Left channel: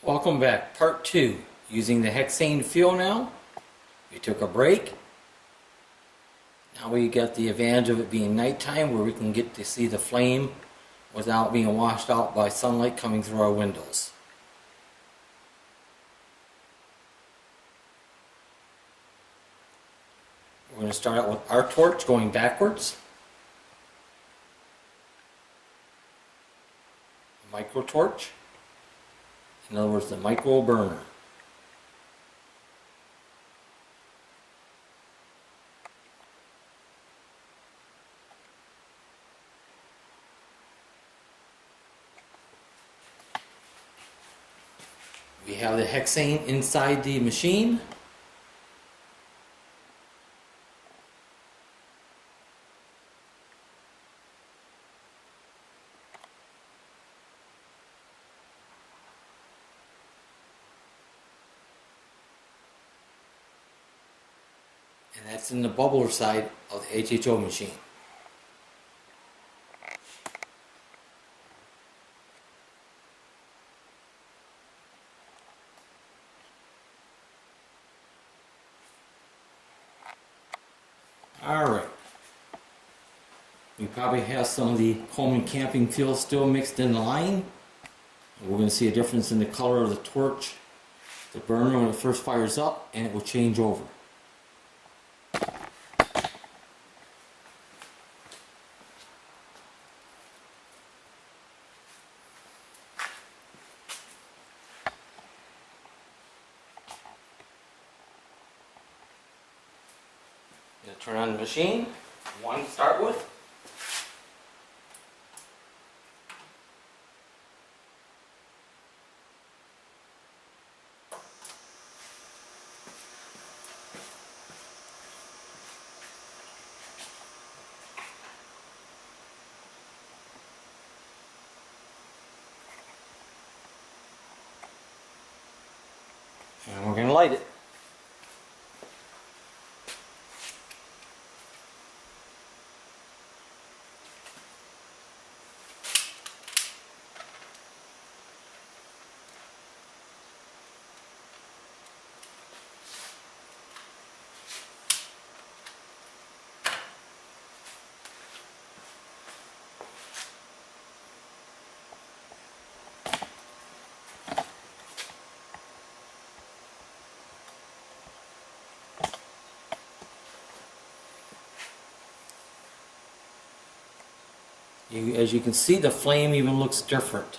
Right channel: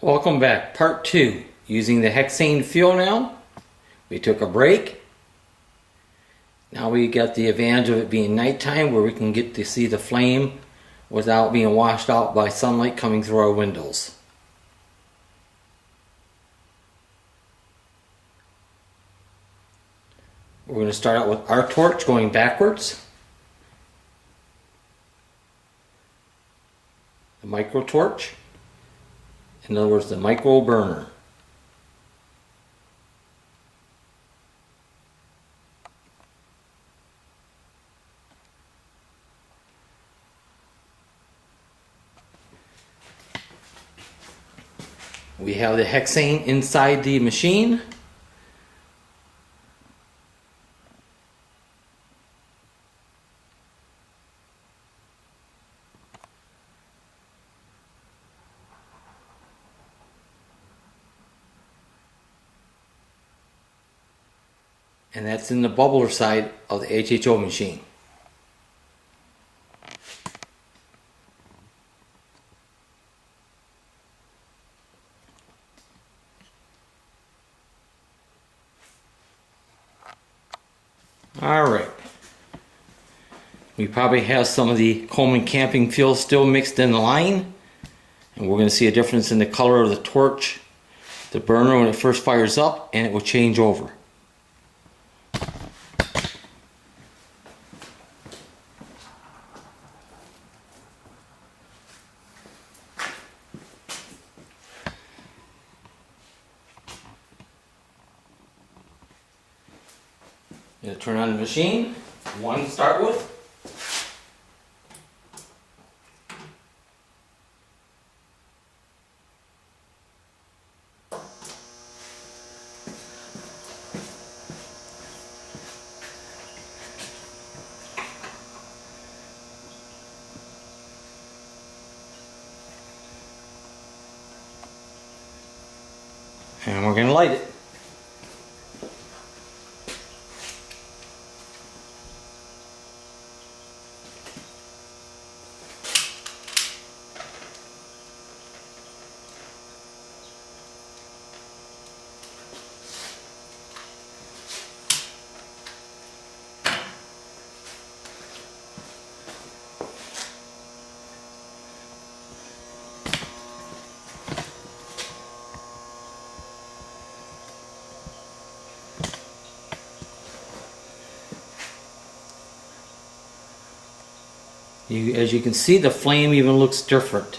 Welcome back, part 2. Using the hexane fuel now. We took a break. Now we got the advantage of it being nighttime where we can get to see the flame without being washed out by sunlight coming through our windows. We're going to start out with our torch going backwards. The micro torch. In other words, the micro burner. We have the hexane inside the machine. And that's in the bubbler side of the HHO machine. Alright. We probably have some of the Coleman camping fuel still mixed in the line. And we're going to see a difference in the color of the torch, the burner when it first fires up, and it will change over. Going to turn on the machine, one to start with. And we're going to light it. As you can see, the flame even looks different.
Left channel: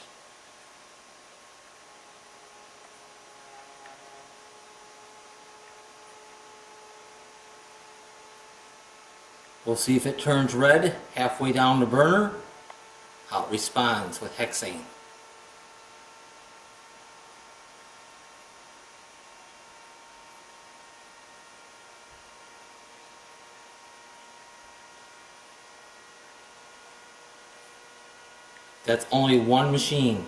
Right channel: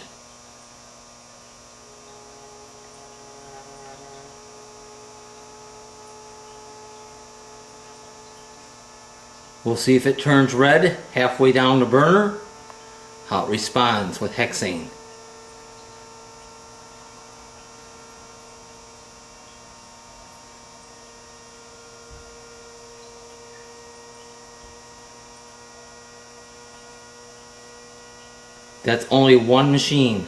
We'll see if it turns red halfway down the burner, how it responds with hexane. That's only one machine.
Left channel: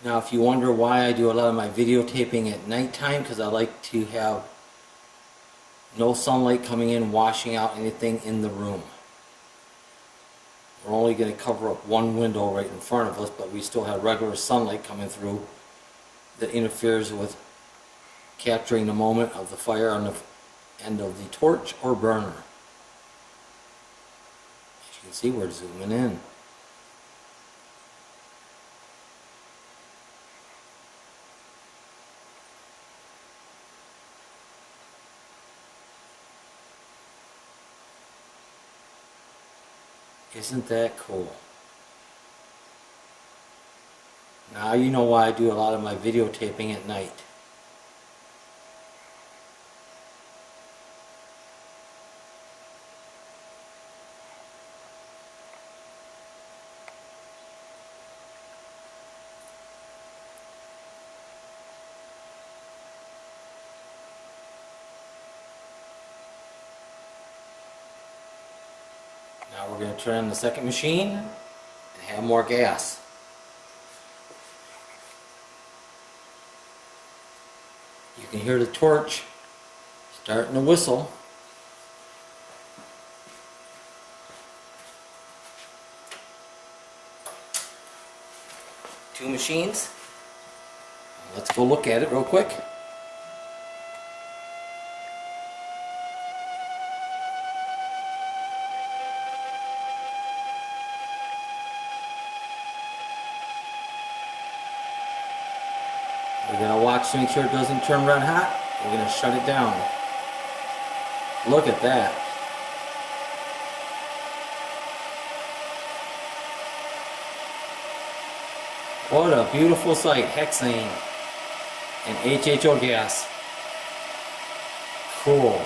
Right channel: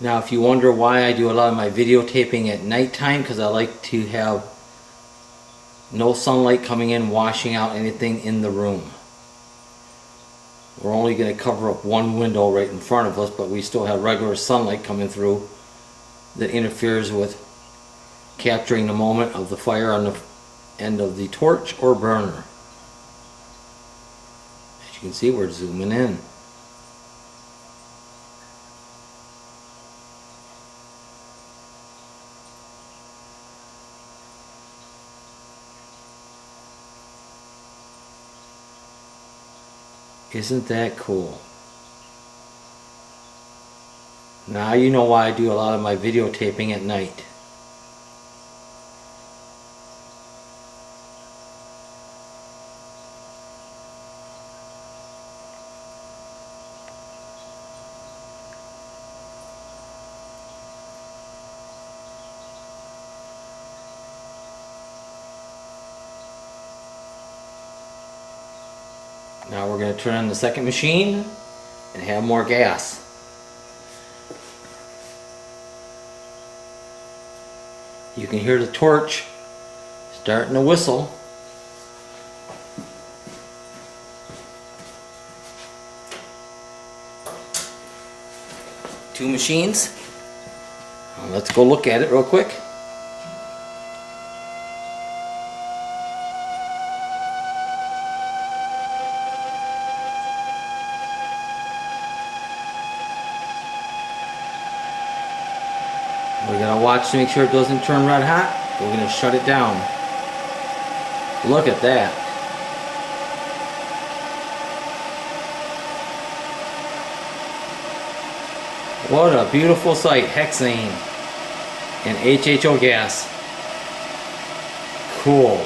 Now if you wonder why I do a lot of my videotaping at nighttime, because I like to have no sunlight coming in washing out anything in the room. We're only going to cover up one window right in front of us, but we still have regular sunlight coming through that interferes with capturing the moment of the fire on the end of the torch or burner. As you can see, we're zooming in. Isn't that cool? Now you know why I do a lot of my videotaping at night. Now we're going to turn on the second machine and have more gas. You can hear the torch starting to whistle. Two machines. Let's go look at it real quick. We're going to watch to make sure it doesn't turn red hot. We're going to shut it down. Look at that. What a beautiful sight. Hexane and HHO gas. Cool.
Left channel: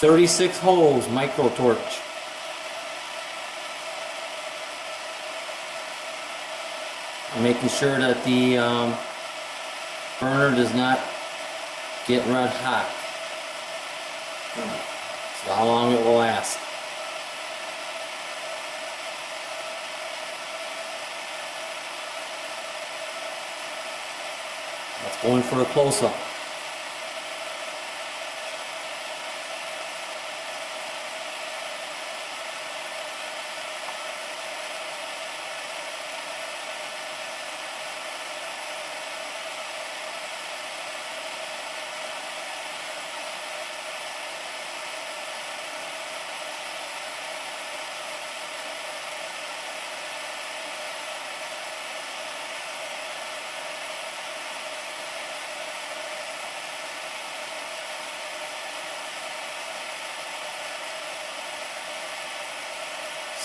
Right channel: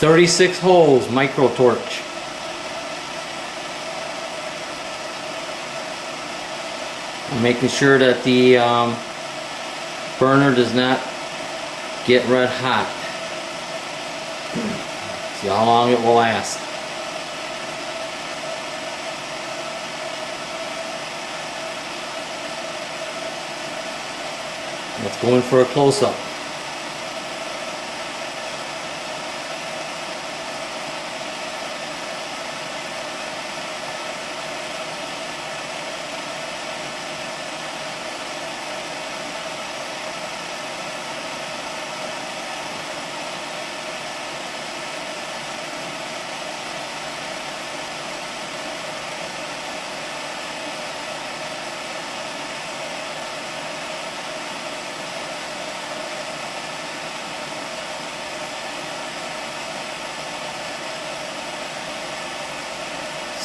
36 holes micro torch. Making sure that the burner does not get red hot. See how long it will last. Let's go in for a close-up.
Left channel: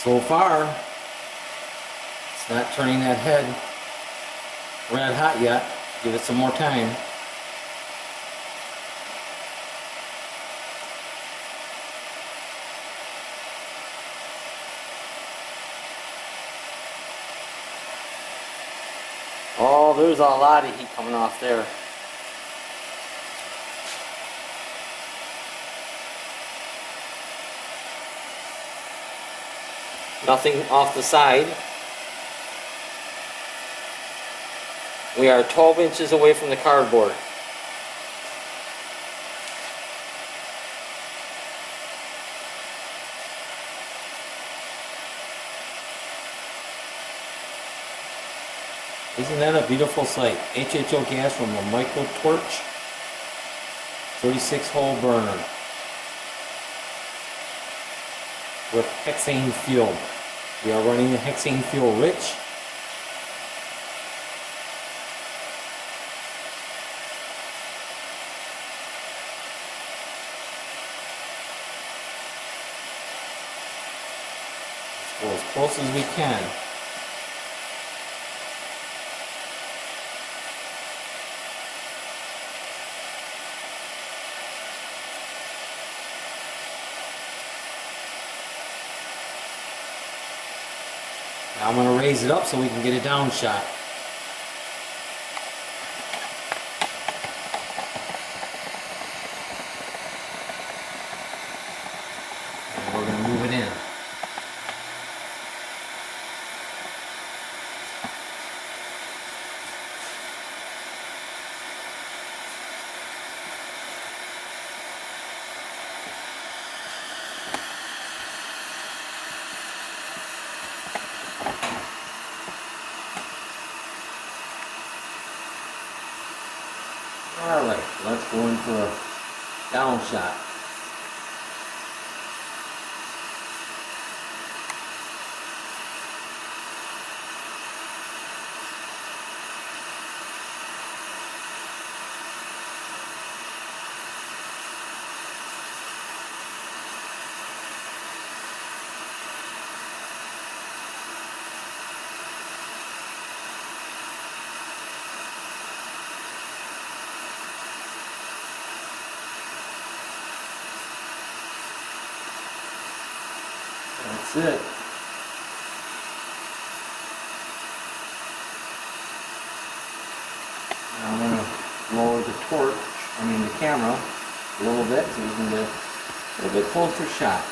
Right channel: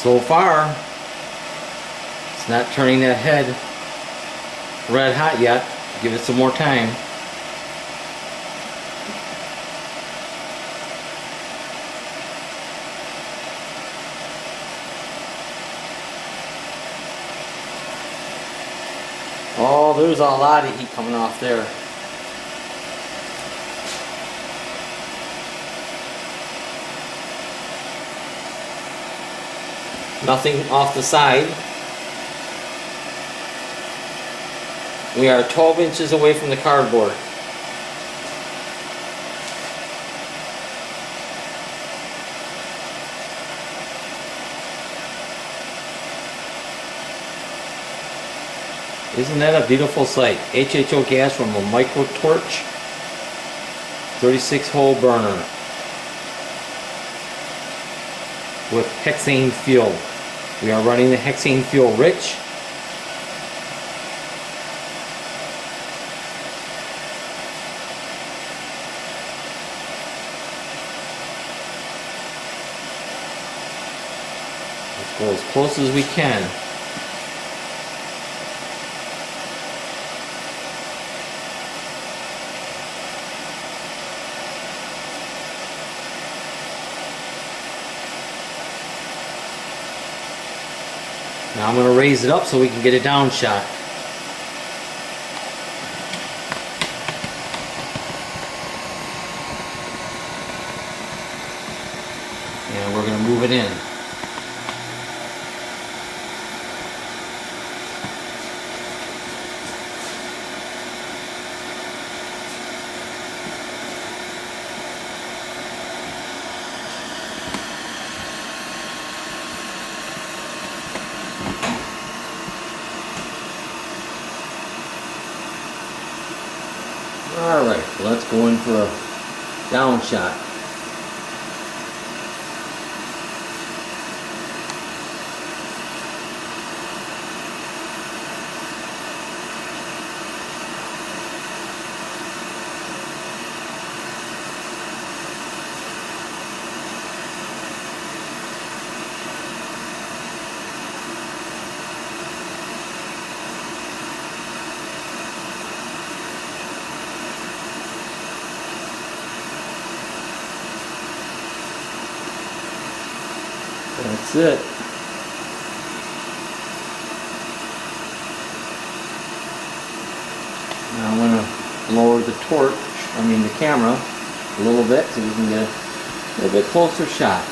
So far, it's not turning that head red hot yet. Give it some more time. Oh, there's a lot of heat coming off there. Nothing off the side. We are 12 inches away from the cardboard. Isn't that a beautiful sight? HHO gas from a micro torch, 36 hole burner with hexane fuel. We are running the hexane fuel rich. Let's go as close as we can. Now I'm going to raise it up so we can get a down shot. And we're going to move it in. Alright, let's go in for a down shot. That's it. Now I'm going to lower the the camera a little bit so you can get a little bit closer shot.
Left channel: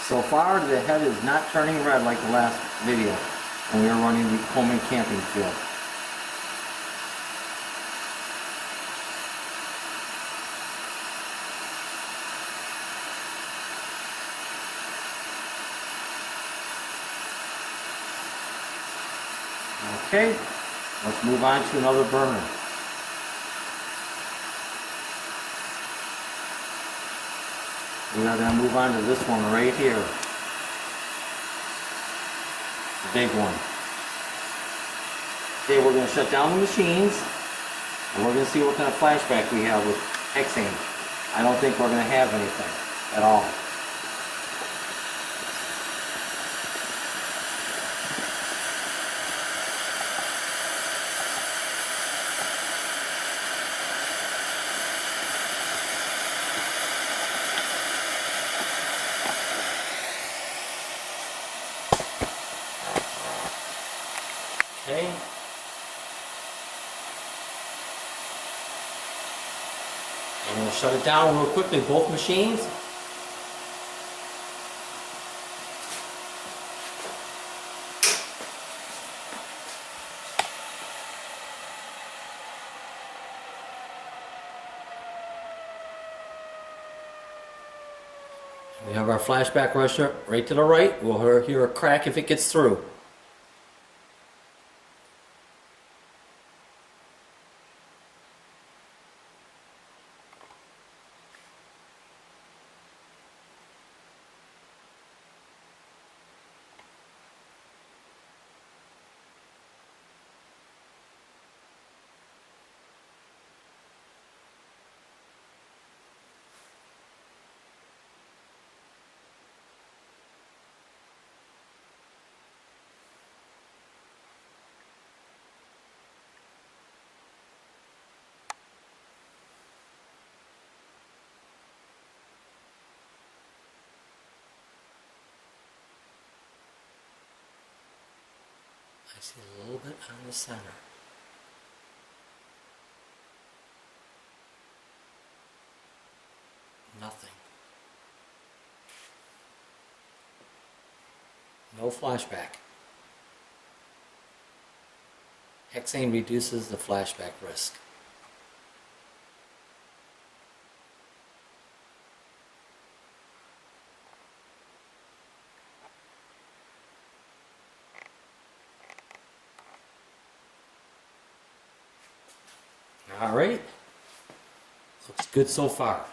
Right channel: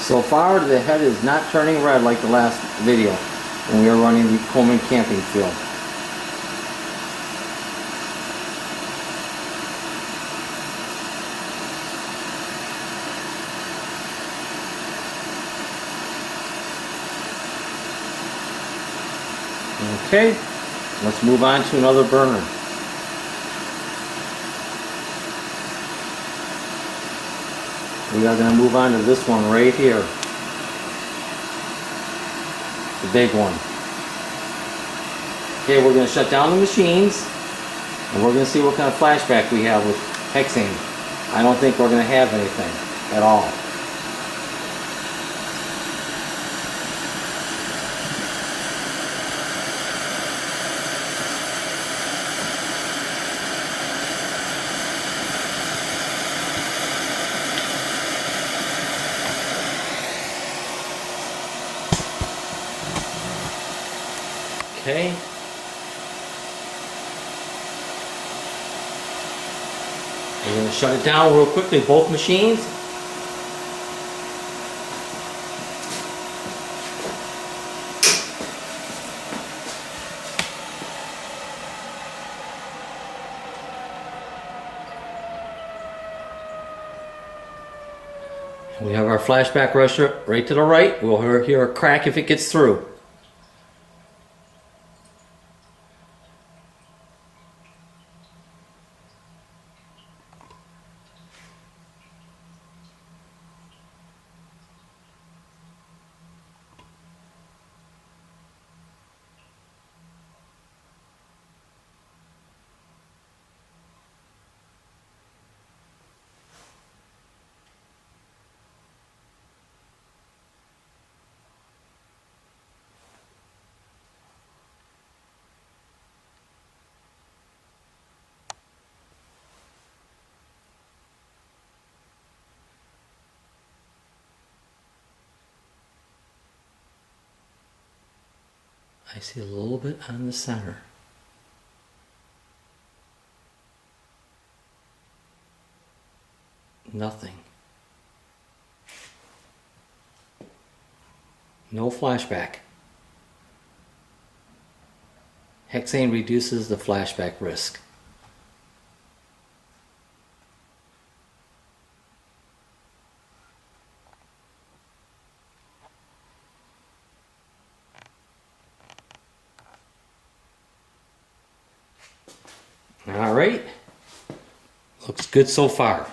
So far the head is not turning red like the last video when we were running the Coleman camping field. Okay, let's move on to another burner. We are going to move on to this one right here. The big one. Okay, we're going to shut down the machines and we're going to see what kind of flashback we have with hexane. I don't think we're going to have anything at all. Okay. We're going to shut it down real quickly, both machines. We have our flashback rusher right to the right. We'll hear a crack if it gets through. I see a little bit on the center. Nothing. No flashback. Hexane reduces the flashback risk. All right, looks good so far.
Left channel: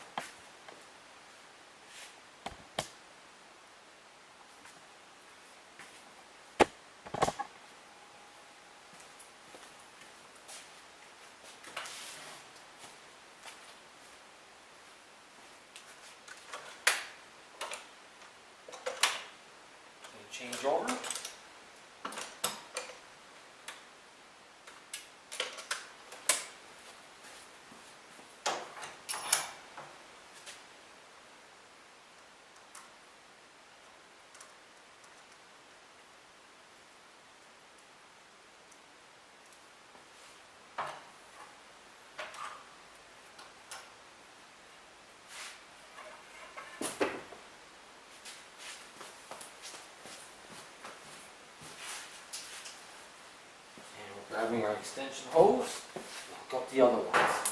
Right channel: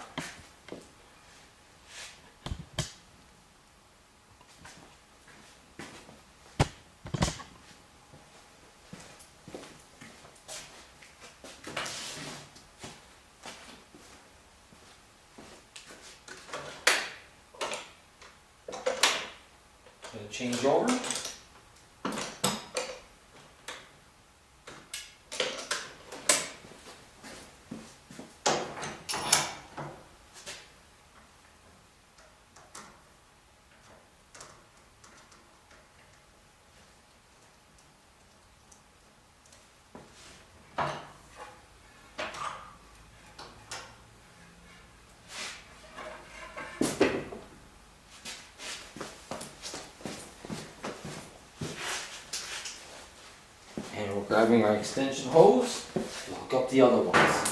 Gonna change over. And we're grabbing our extension hose to hook up the other ones.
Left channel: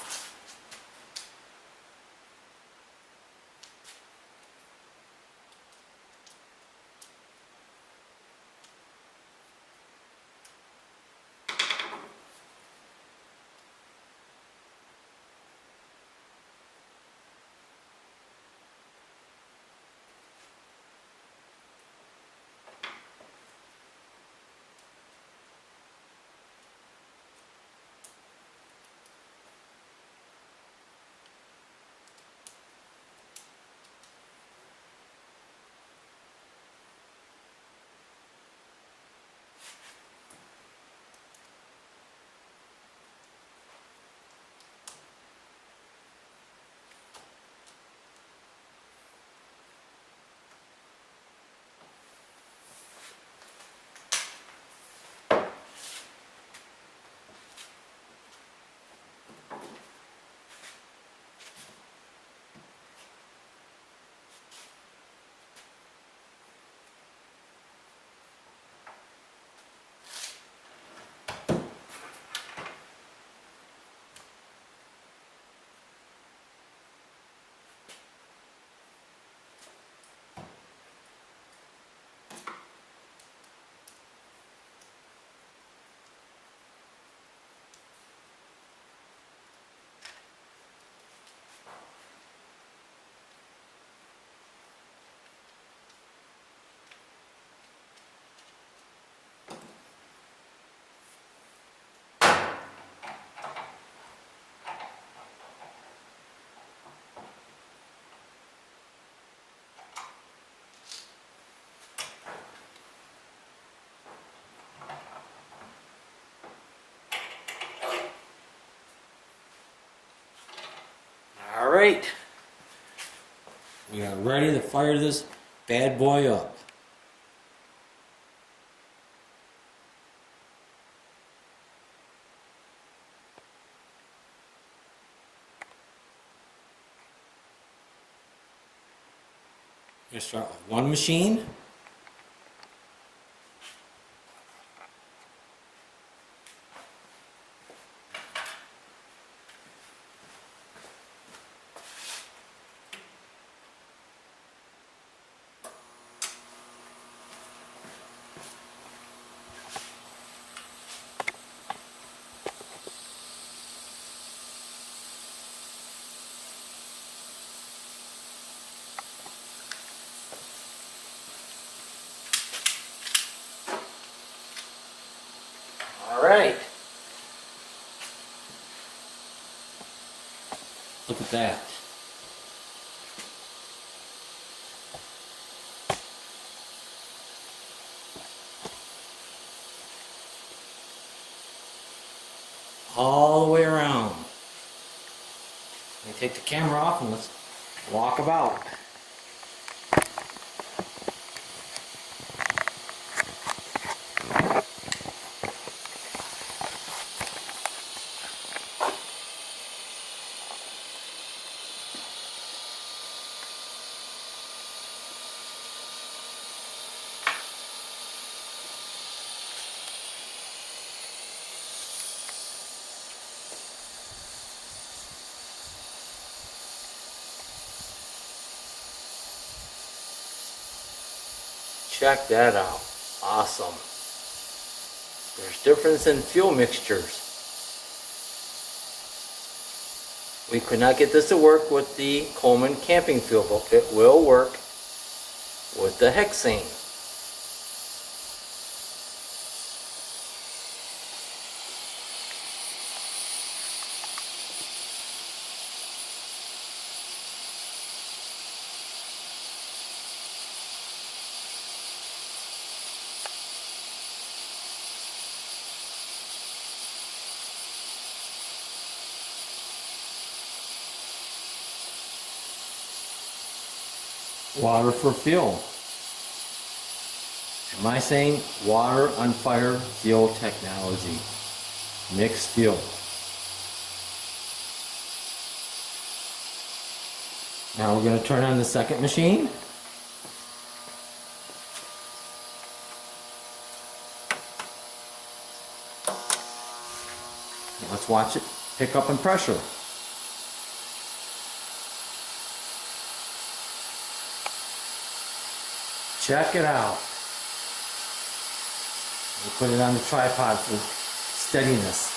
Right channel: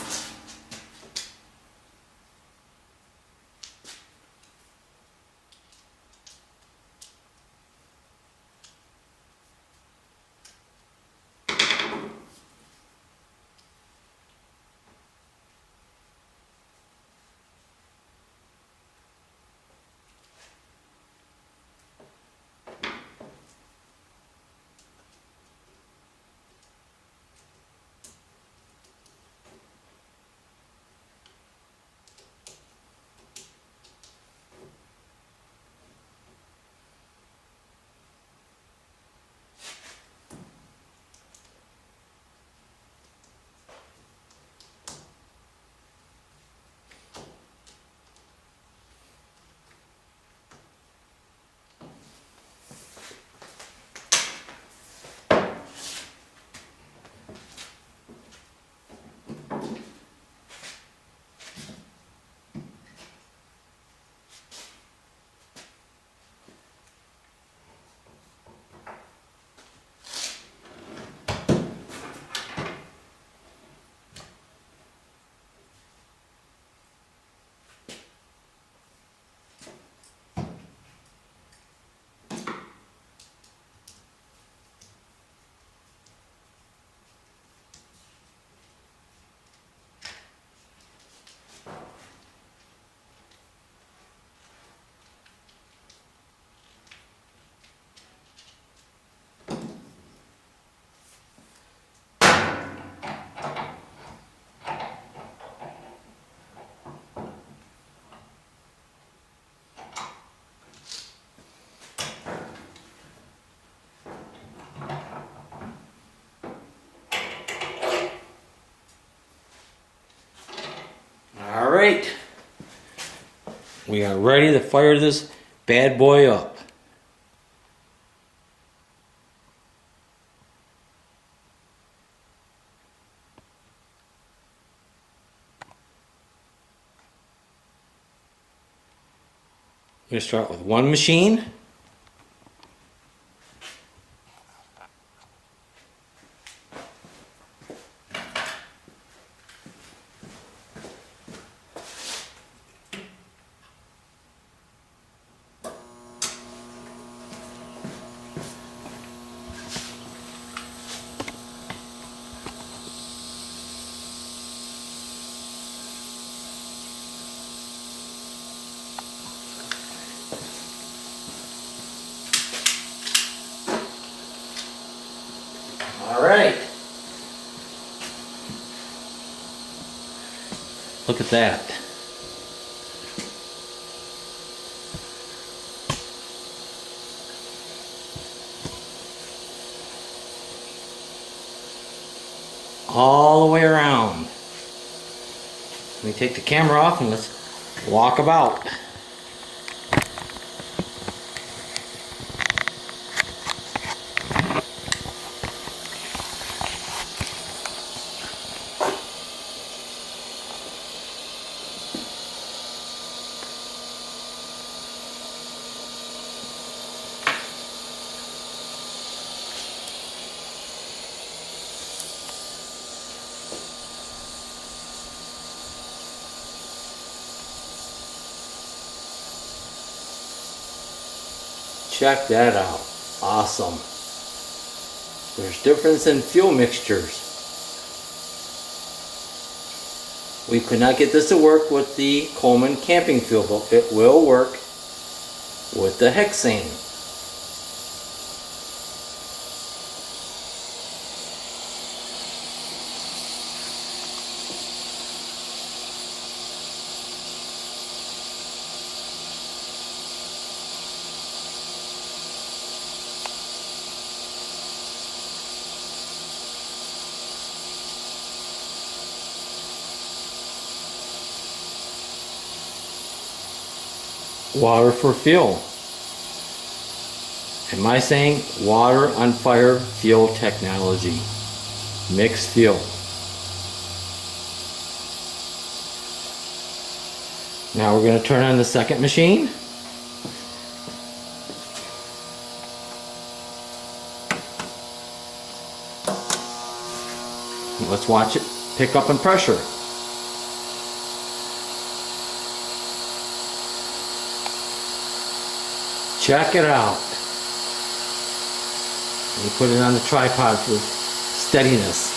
right, we are ready to fire this bad boy up. I'm going to start with one machine. All right. Look at that. All the way around. Let me take the camera off and let's walk about. Check that out. Awesome. There's difference in fuel mixtures. We could not get this to work with the Coleman camping fuel, but it will work with the hexane. Water for fuel. Am I saying water on fire fuel technology? Mixed fuel. Now we're going to turn on the second machine. Let's watch it pick up in pressure. Check it out. Let me put it on the tripod for steadiness.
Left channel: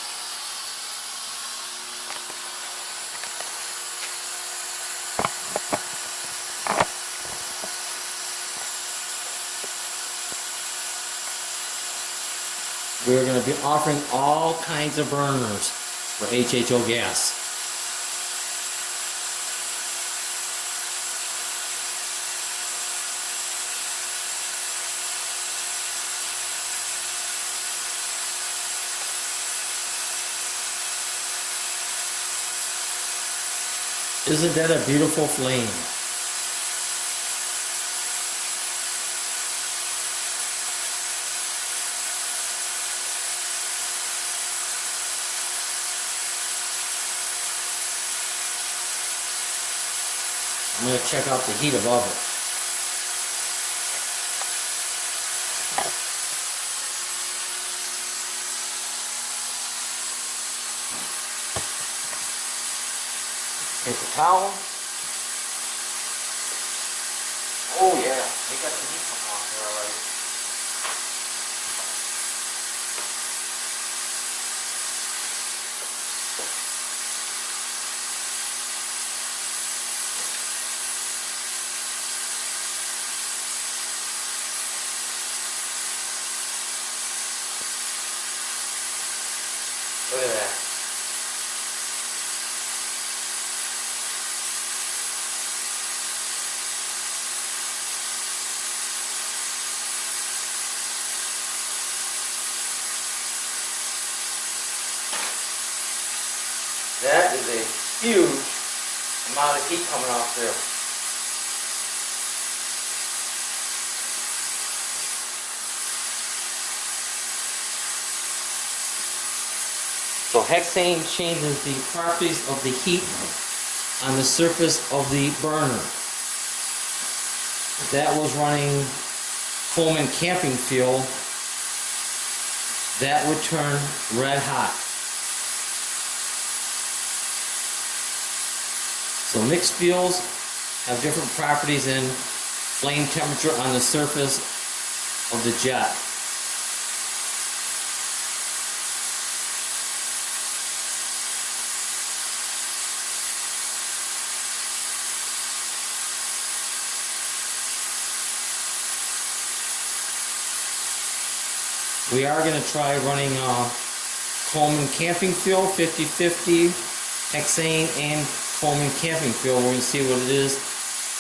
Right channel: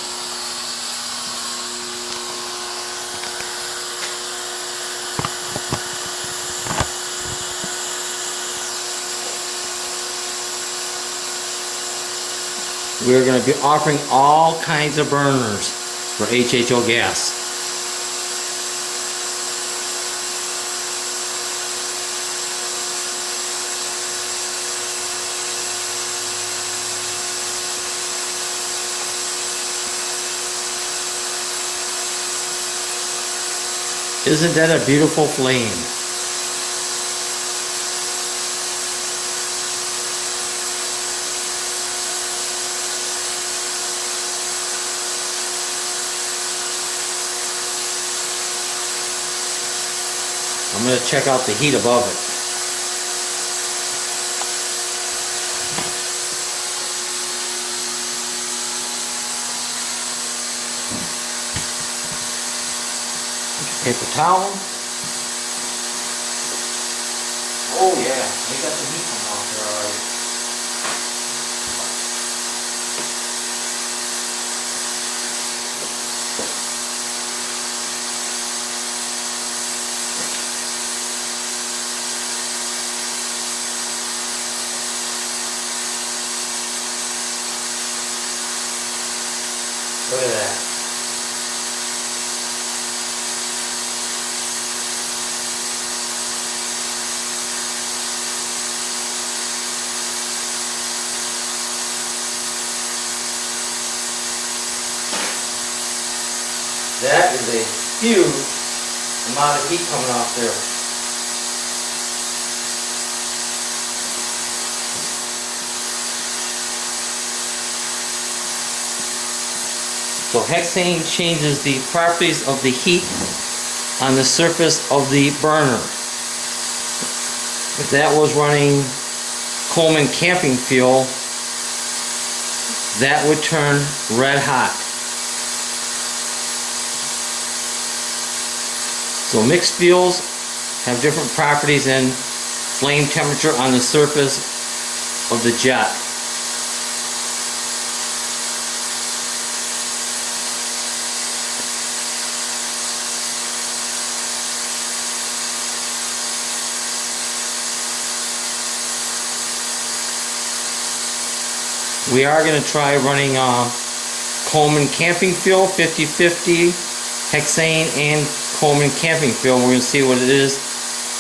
We're going to be offering all kinds of burners for HHO gas. Isn't that a beautiful flame? I'm going to check out the heat above it. Paper towel. Oh yeah, we got the heat coming off there already. Look at that. That is a huge amount of heat coming off there. So hexane changes the properties of the heat on the surface of the burner. If that was running Coleman camping fuel, that would turn red hot. So mixed fuels have different properties in flame temperature on the surface of the jet. We are going to try running Coleman camping fuel, 50/50, hexane and Coleman camping fuel. We're going to see what it is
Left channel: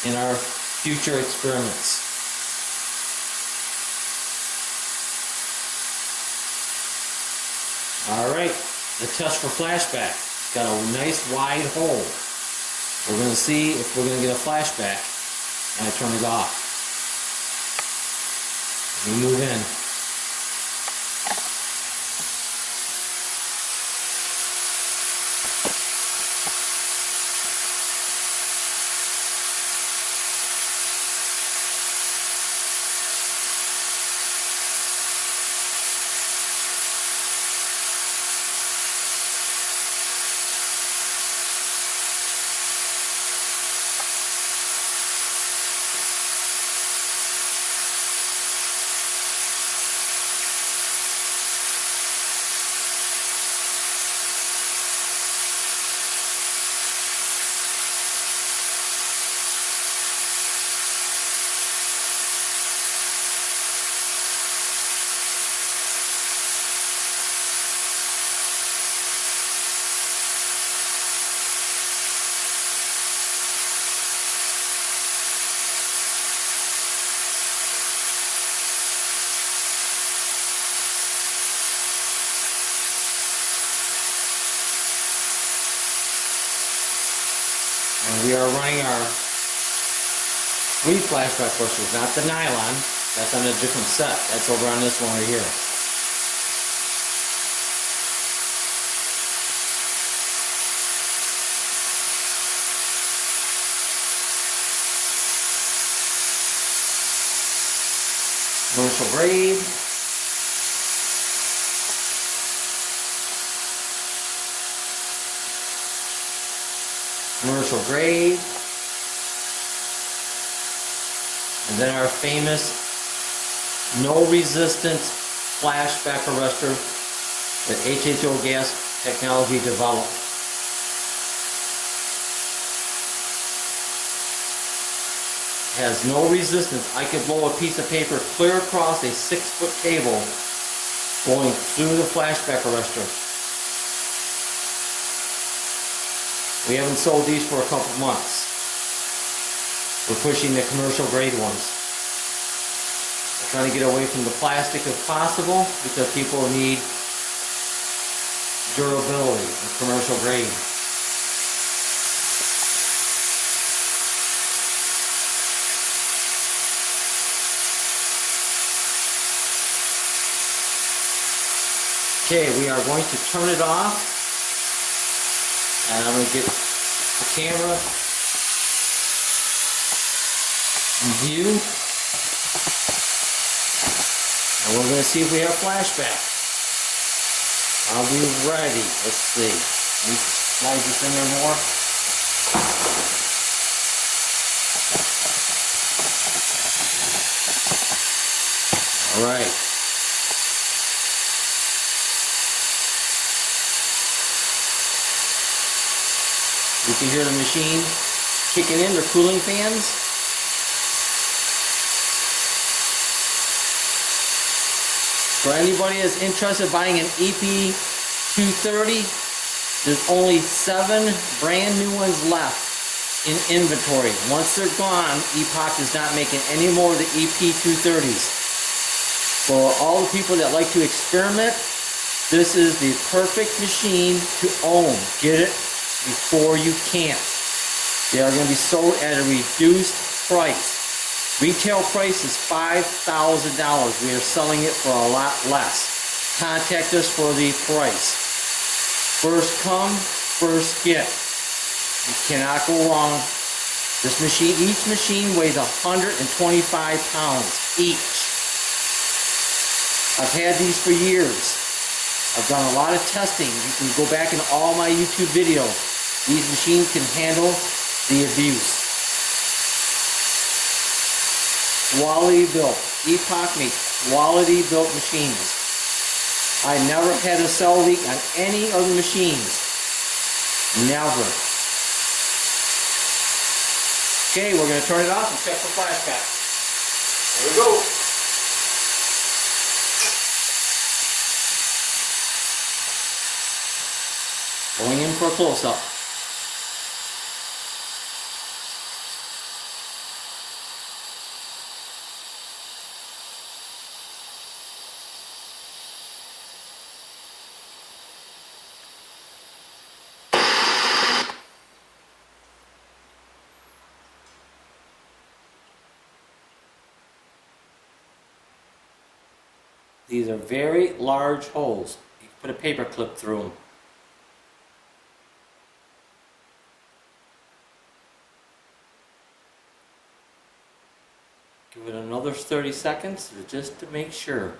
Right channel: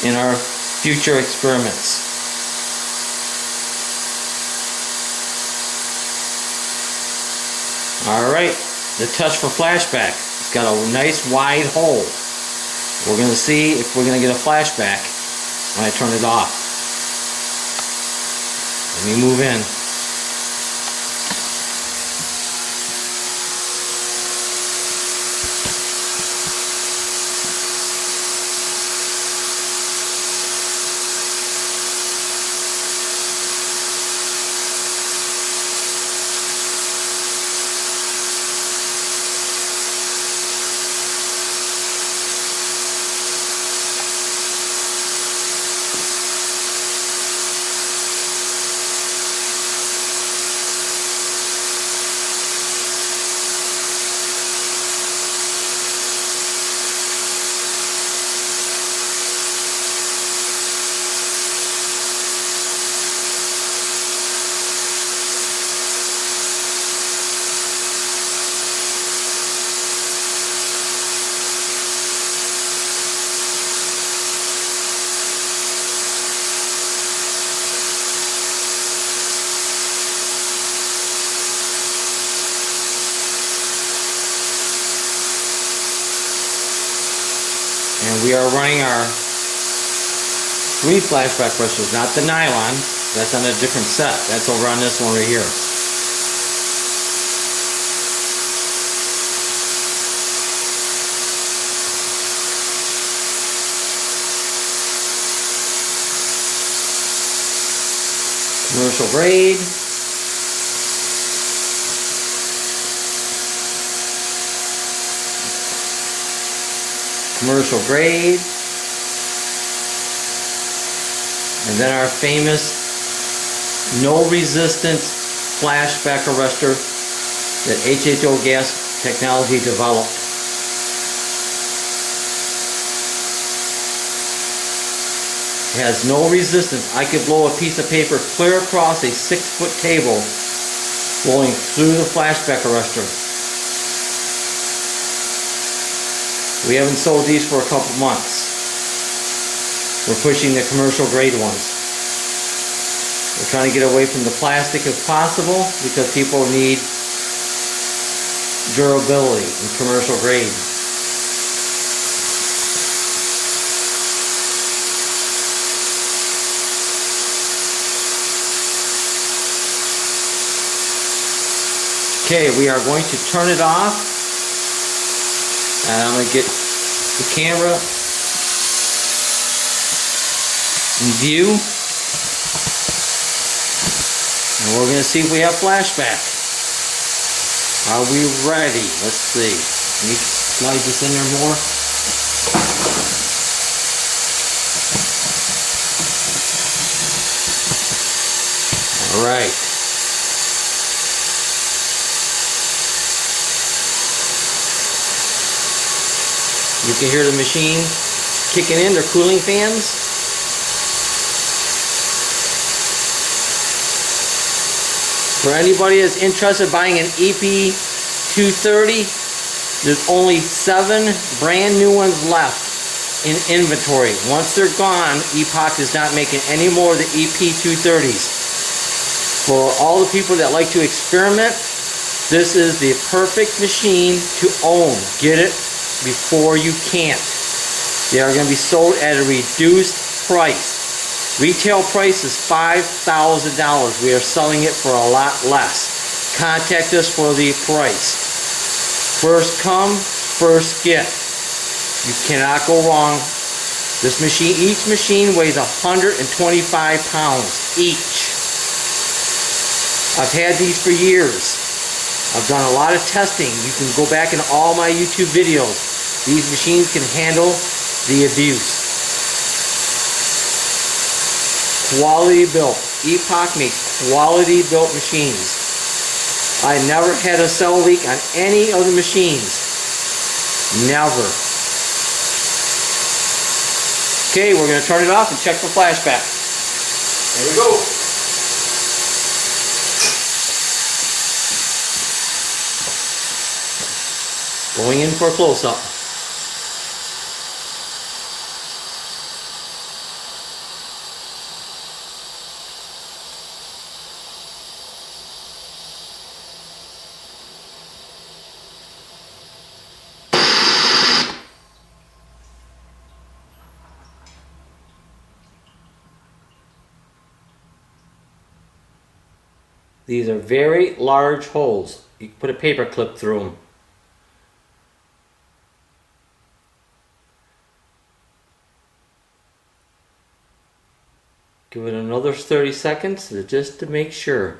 in our future experiments. Alright, the test for flashback. It's got a nice wide hole. We're going to see if we're going to get a flashback when I turn it off. Let me move in. And we are running our green flashback brushes, not the nylon. That's on a different set. That's over on this one over here. Commercial grade. Commercial grade, and then our famous no resistance flashback arrestor that HHO gas technology developed. It has no resistance. I could blow a piece of paper clear across a 6-foot table blowing through the flashback arrestor. We haven't sold these for a couple months. We're pushing the commercial grade ones. We're trying to get away from the plastic if possible because people need durability in commercial grade. Okay, we are going to turn it off. I'm going to get the camera in view. And we're going to see if we have flashback. Are we ready? Let's see. Let me slide this in there more. Alright. You can hear the machine kicking in, they're cooling fans. For anybody that's interested in buying an EP230, there's only 7 brand new ones left in inventory. Once they're gone, Epoch is not making any more of the EP230s. For all the people that like to experiment, this is the perfect machine to own. Get it before you can't. They are going to be sold at a reduced price. Retail price is $5,000. We are selling it for a lot less. Contact us for the price. First come, first get. You cannot go wrong. This machine, each machine weighs 125 pounds each. I've had these for years. I've done a lot of testing. You can go back in all my YouTube videos. These machines can handle the abuse. Quality built. Epoch makes quality built machines. I never had a cell leak on any other machines. Never. Okay, we're going to turn it off and check for flashback. There we go. Going in for a close-up. These are very large holes. You can put a paper clip through them. Give it another 30 seconds just to make sure.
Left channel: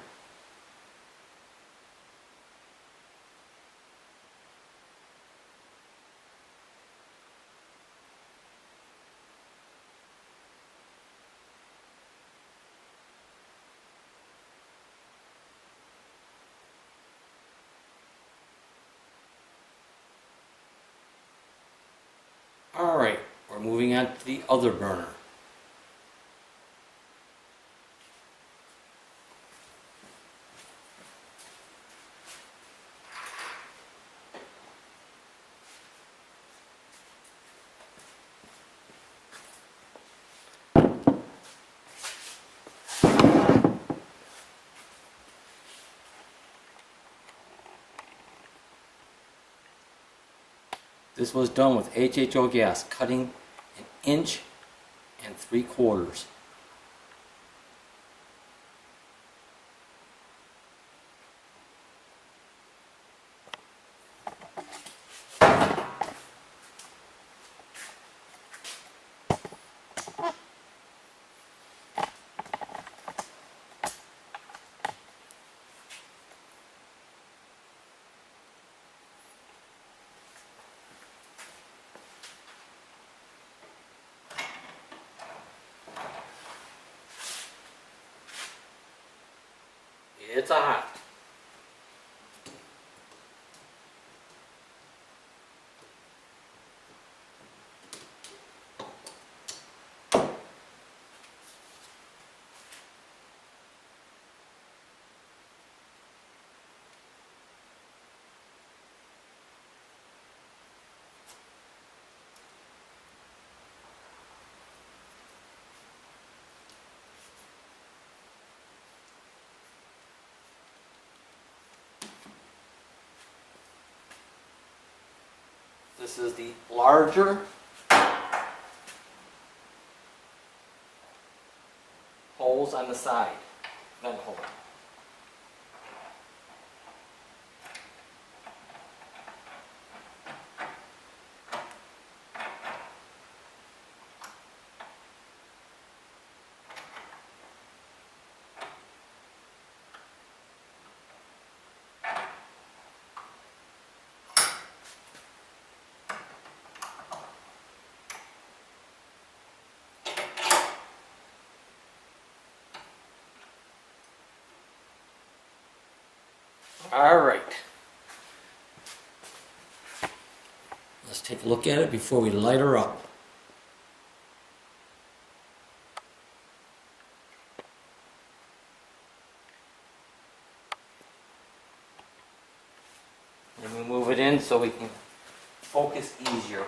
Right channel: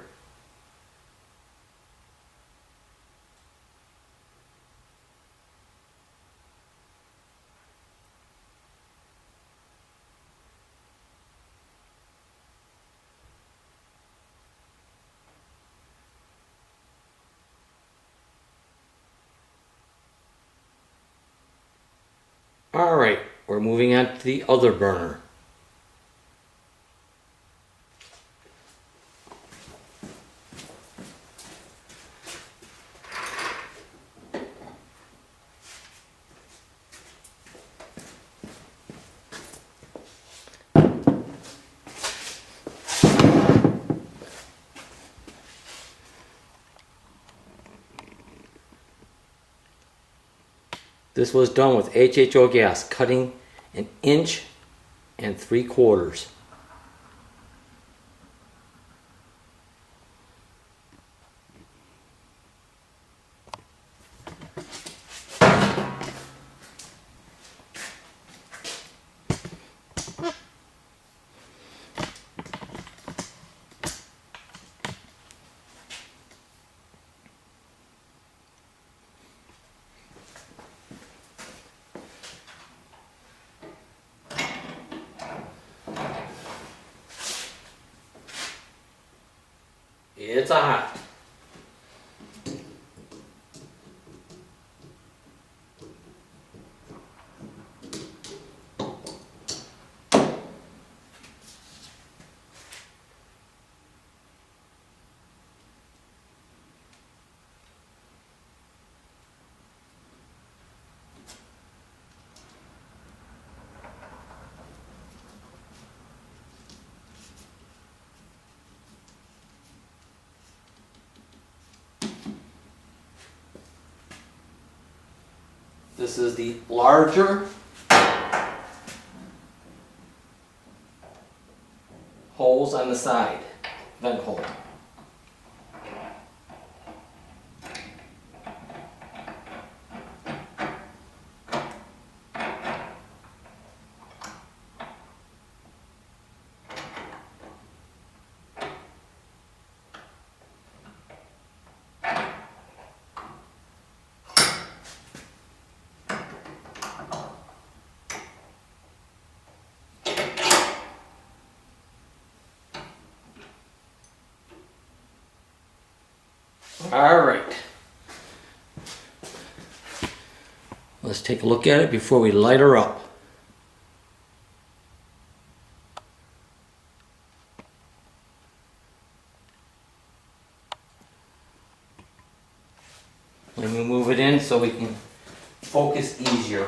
Alright, we're moving on to the other burner. This was done with HHO gas, cutting 1 3/4 inches. It's a hot. This is the larger holes on the side, vent hole. All right. Let's take a look at it before we light her up. Let me move it in so we can focus easier.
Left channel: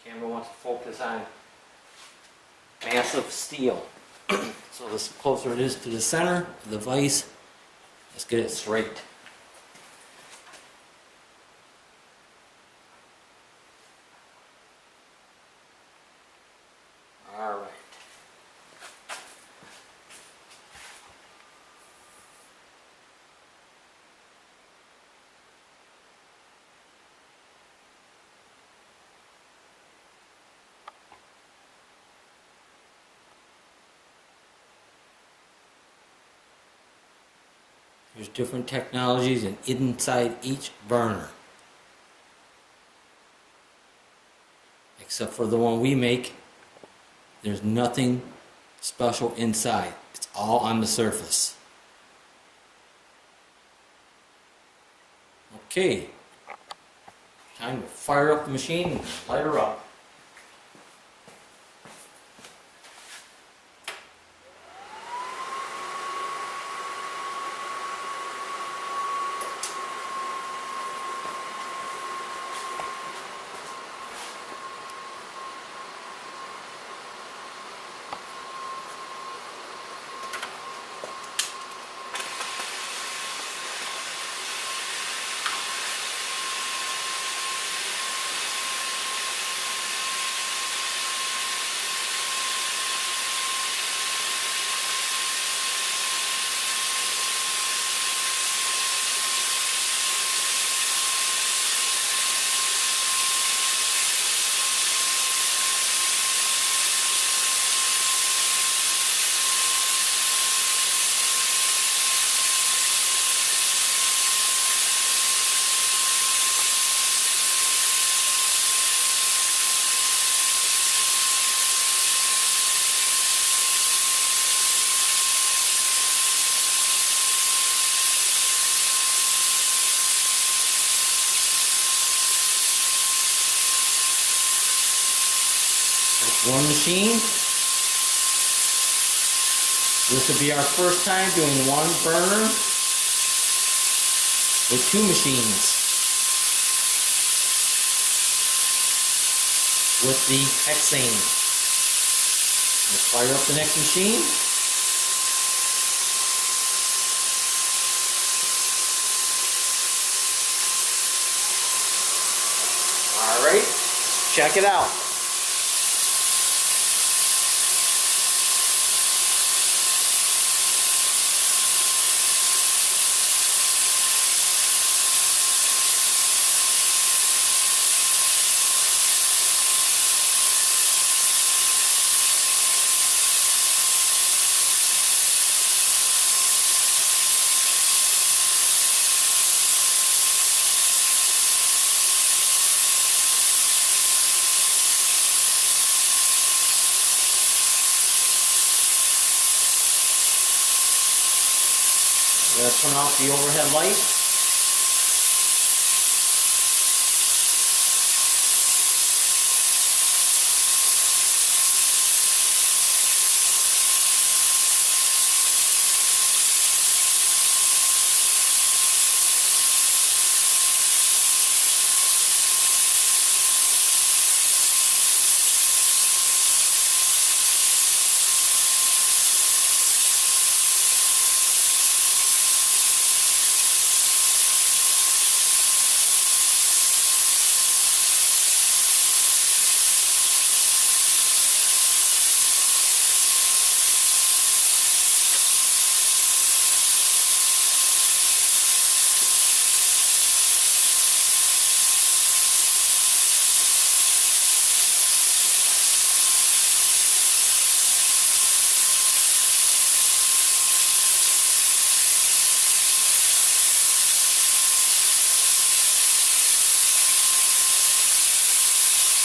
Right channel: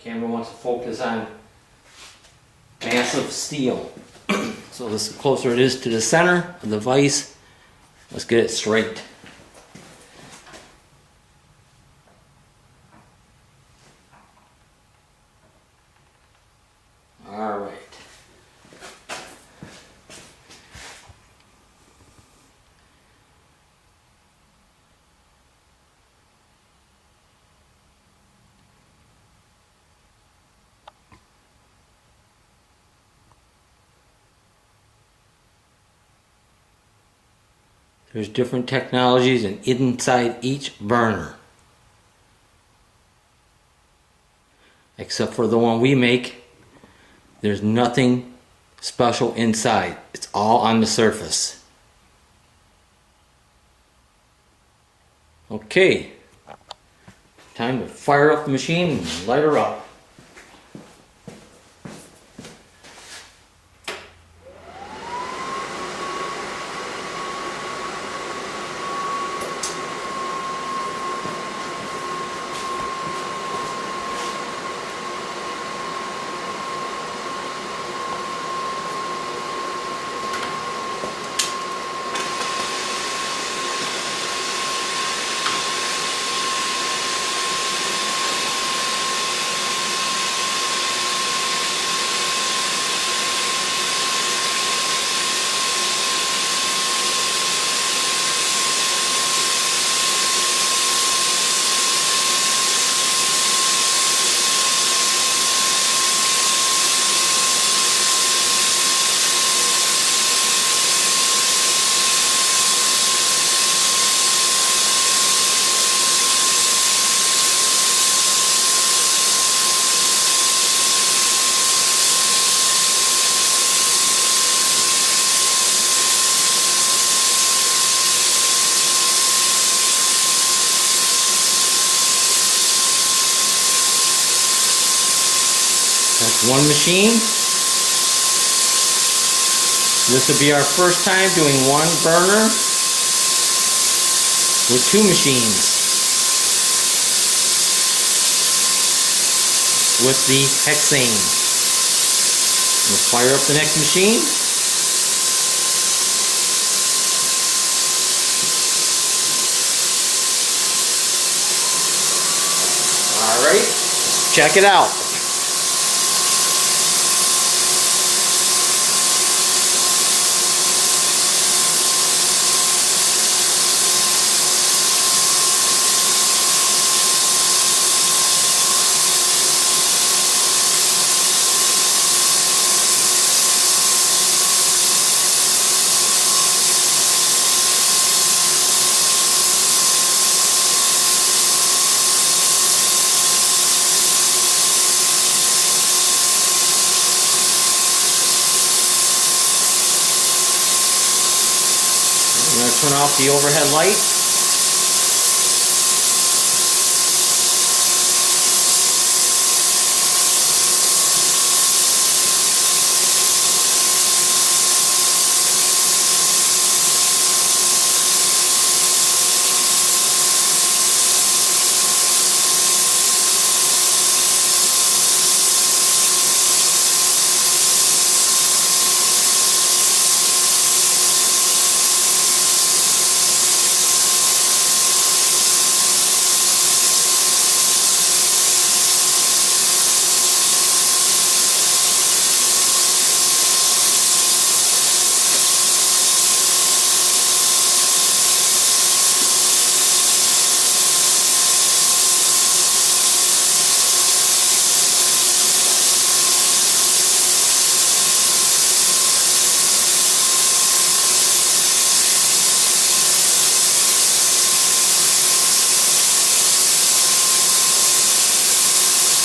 Camera wants to focus on massive steel. So the closer it is to the center of the vise, let's get it straight. There's different technologies inside each burner. Except for the one we make, there's nothing special inside. It's all on the surface. Okay, time to fire up the machine and light her up. That's one machine. This will be our first time doing one burner with two machines with the hexane. We'll fire up the next machine. Alright, check it out. I'm going to turn off the overhead light.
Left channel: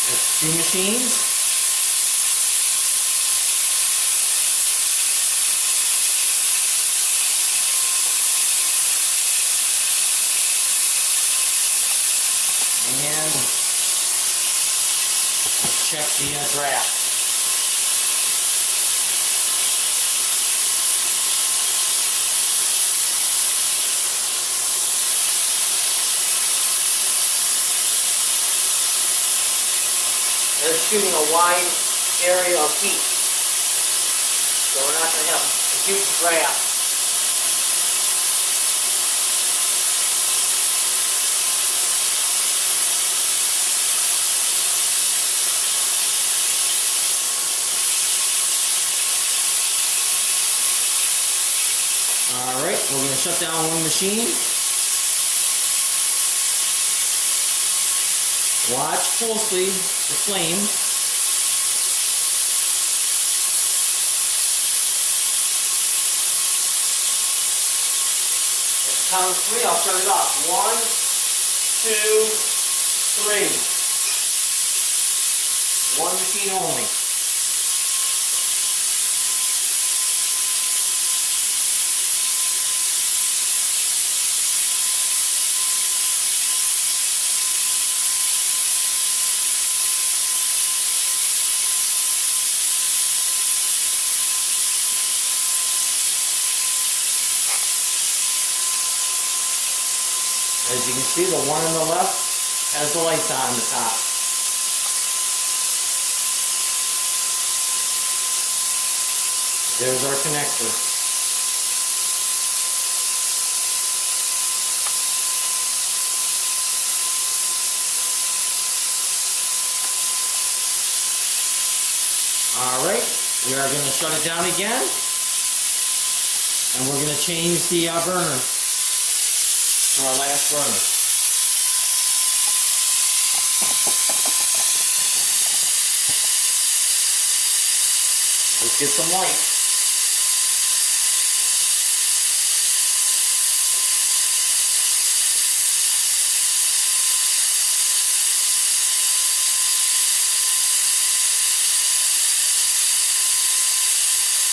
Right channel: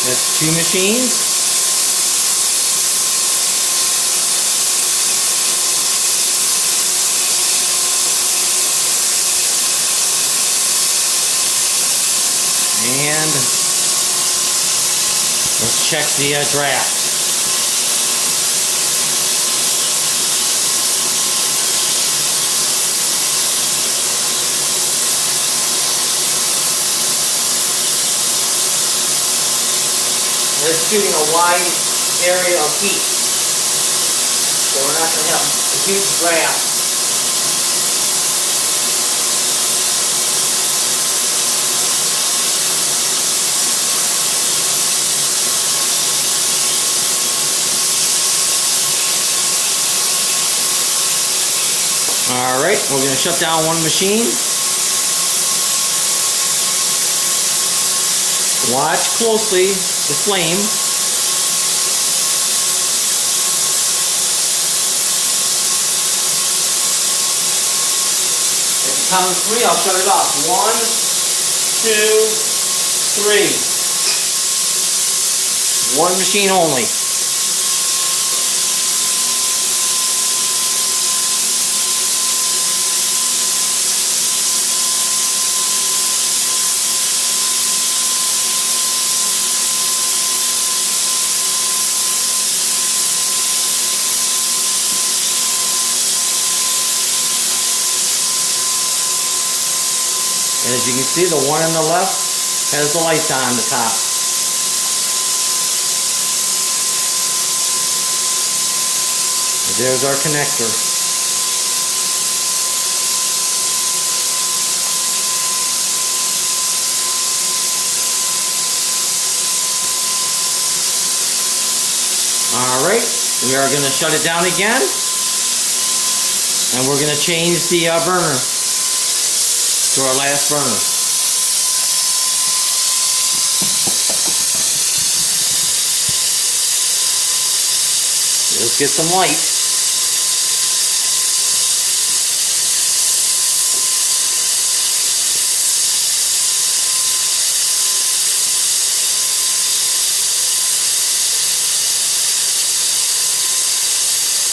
That's two machines. And let's check the draft. They're shooting a wide area of heat, so we're not going to have a huge draft. Alright, we're going to shut down one machine. Watch closely the flame. Count of three, I'll shut it off. 1, 2, 3. One machine only. And as you can see, the one on the left has the lights on the top. And there's our connector. Alright, we are going to shut it down again. And we're going to change the burner to our last burner. Let's get some light.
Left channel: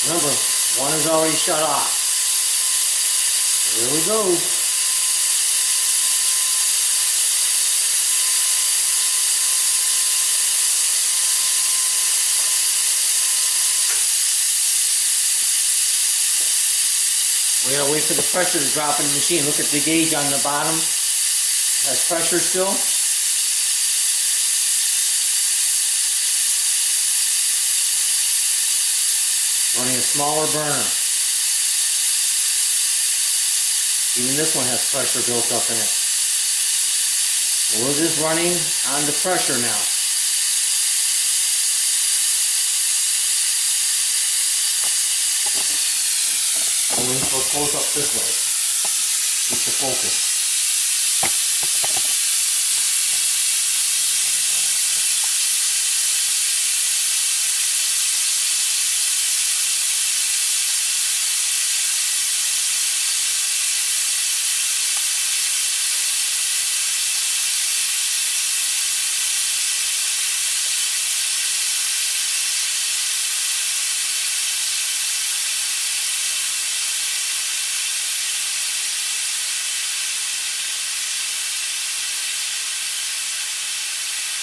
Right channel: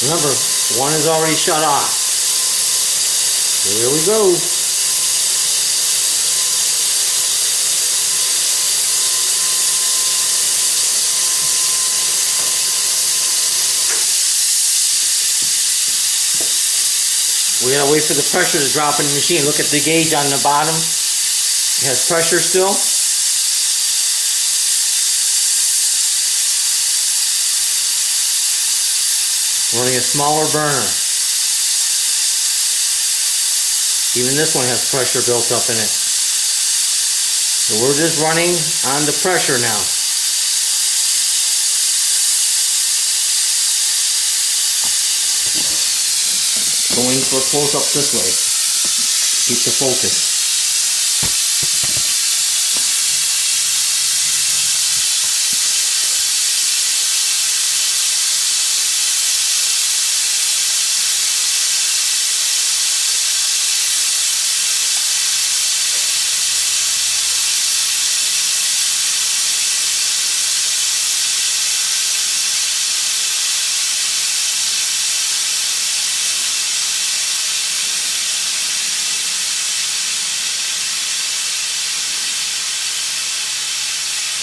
Remember, one is already shut off. Here we go. We gotta wait for the pressure to drop in the machine. Look at the gauge on the bottom. It has pressure still. Running a smaller burner. Even this one has pressure built up in it. So we're just running on the pressure now. Going for a close up this way. Keep the focus.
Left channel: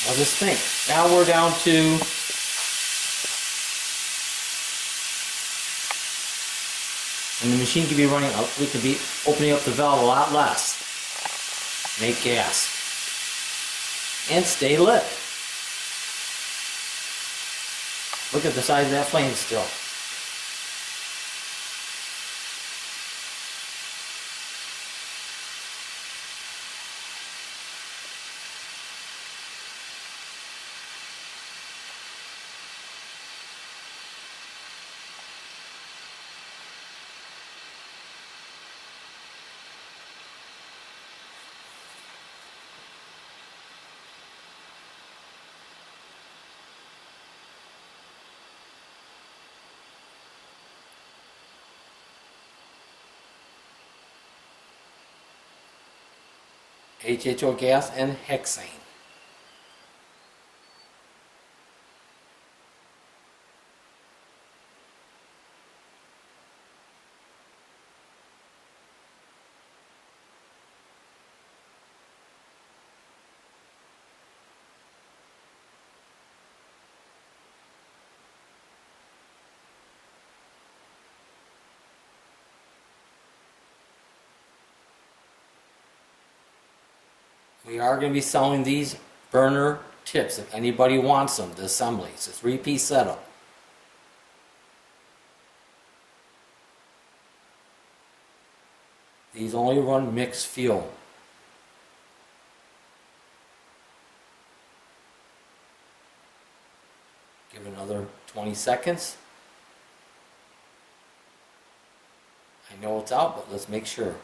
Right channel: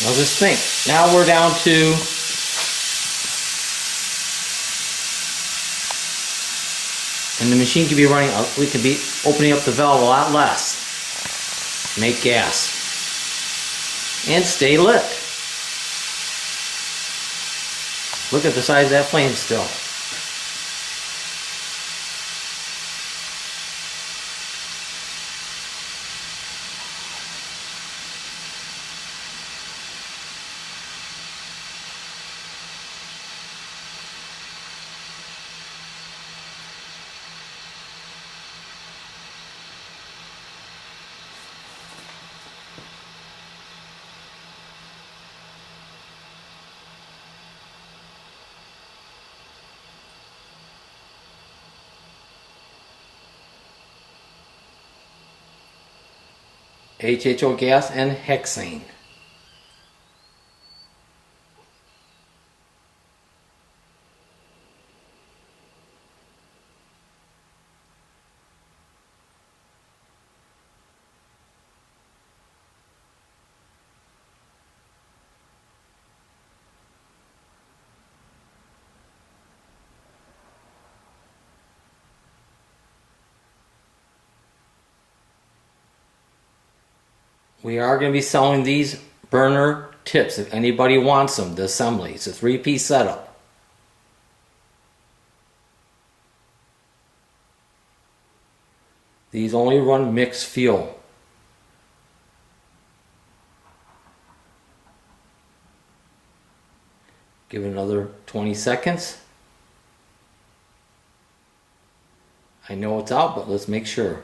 Now just think, now we're down to and the machine can be running up, we can be opening up the valve a lot less. Make gas. And stay lit. Look at the size of that flame still. HHO gas and hexane. We are going to be selling these burner tips if anybody wants them, the assembly. It's a 3-piece setup. These only run mixed fuel. Give it another 20 seconds. I know it's out, but let's make sure.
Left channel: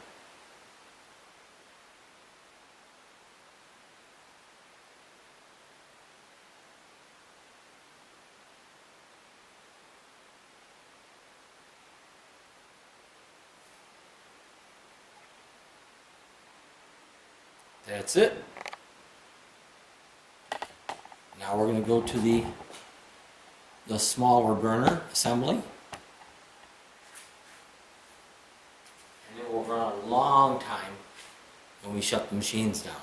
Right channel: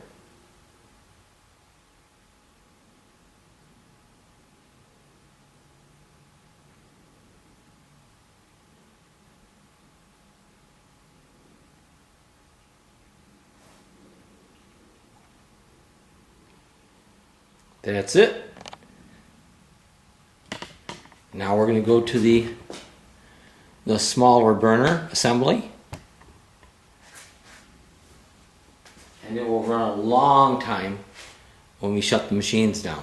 That's it. Now we're going to go to the smaller burner assembly. And it will run a long time when we shut the machines down.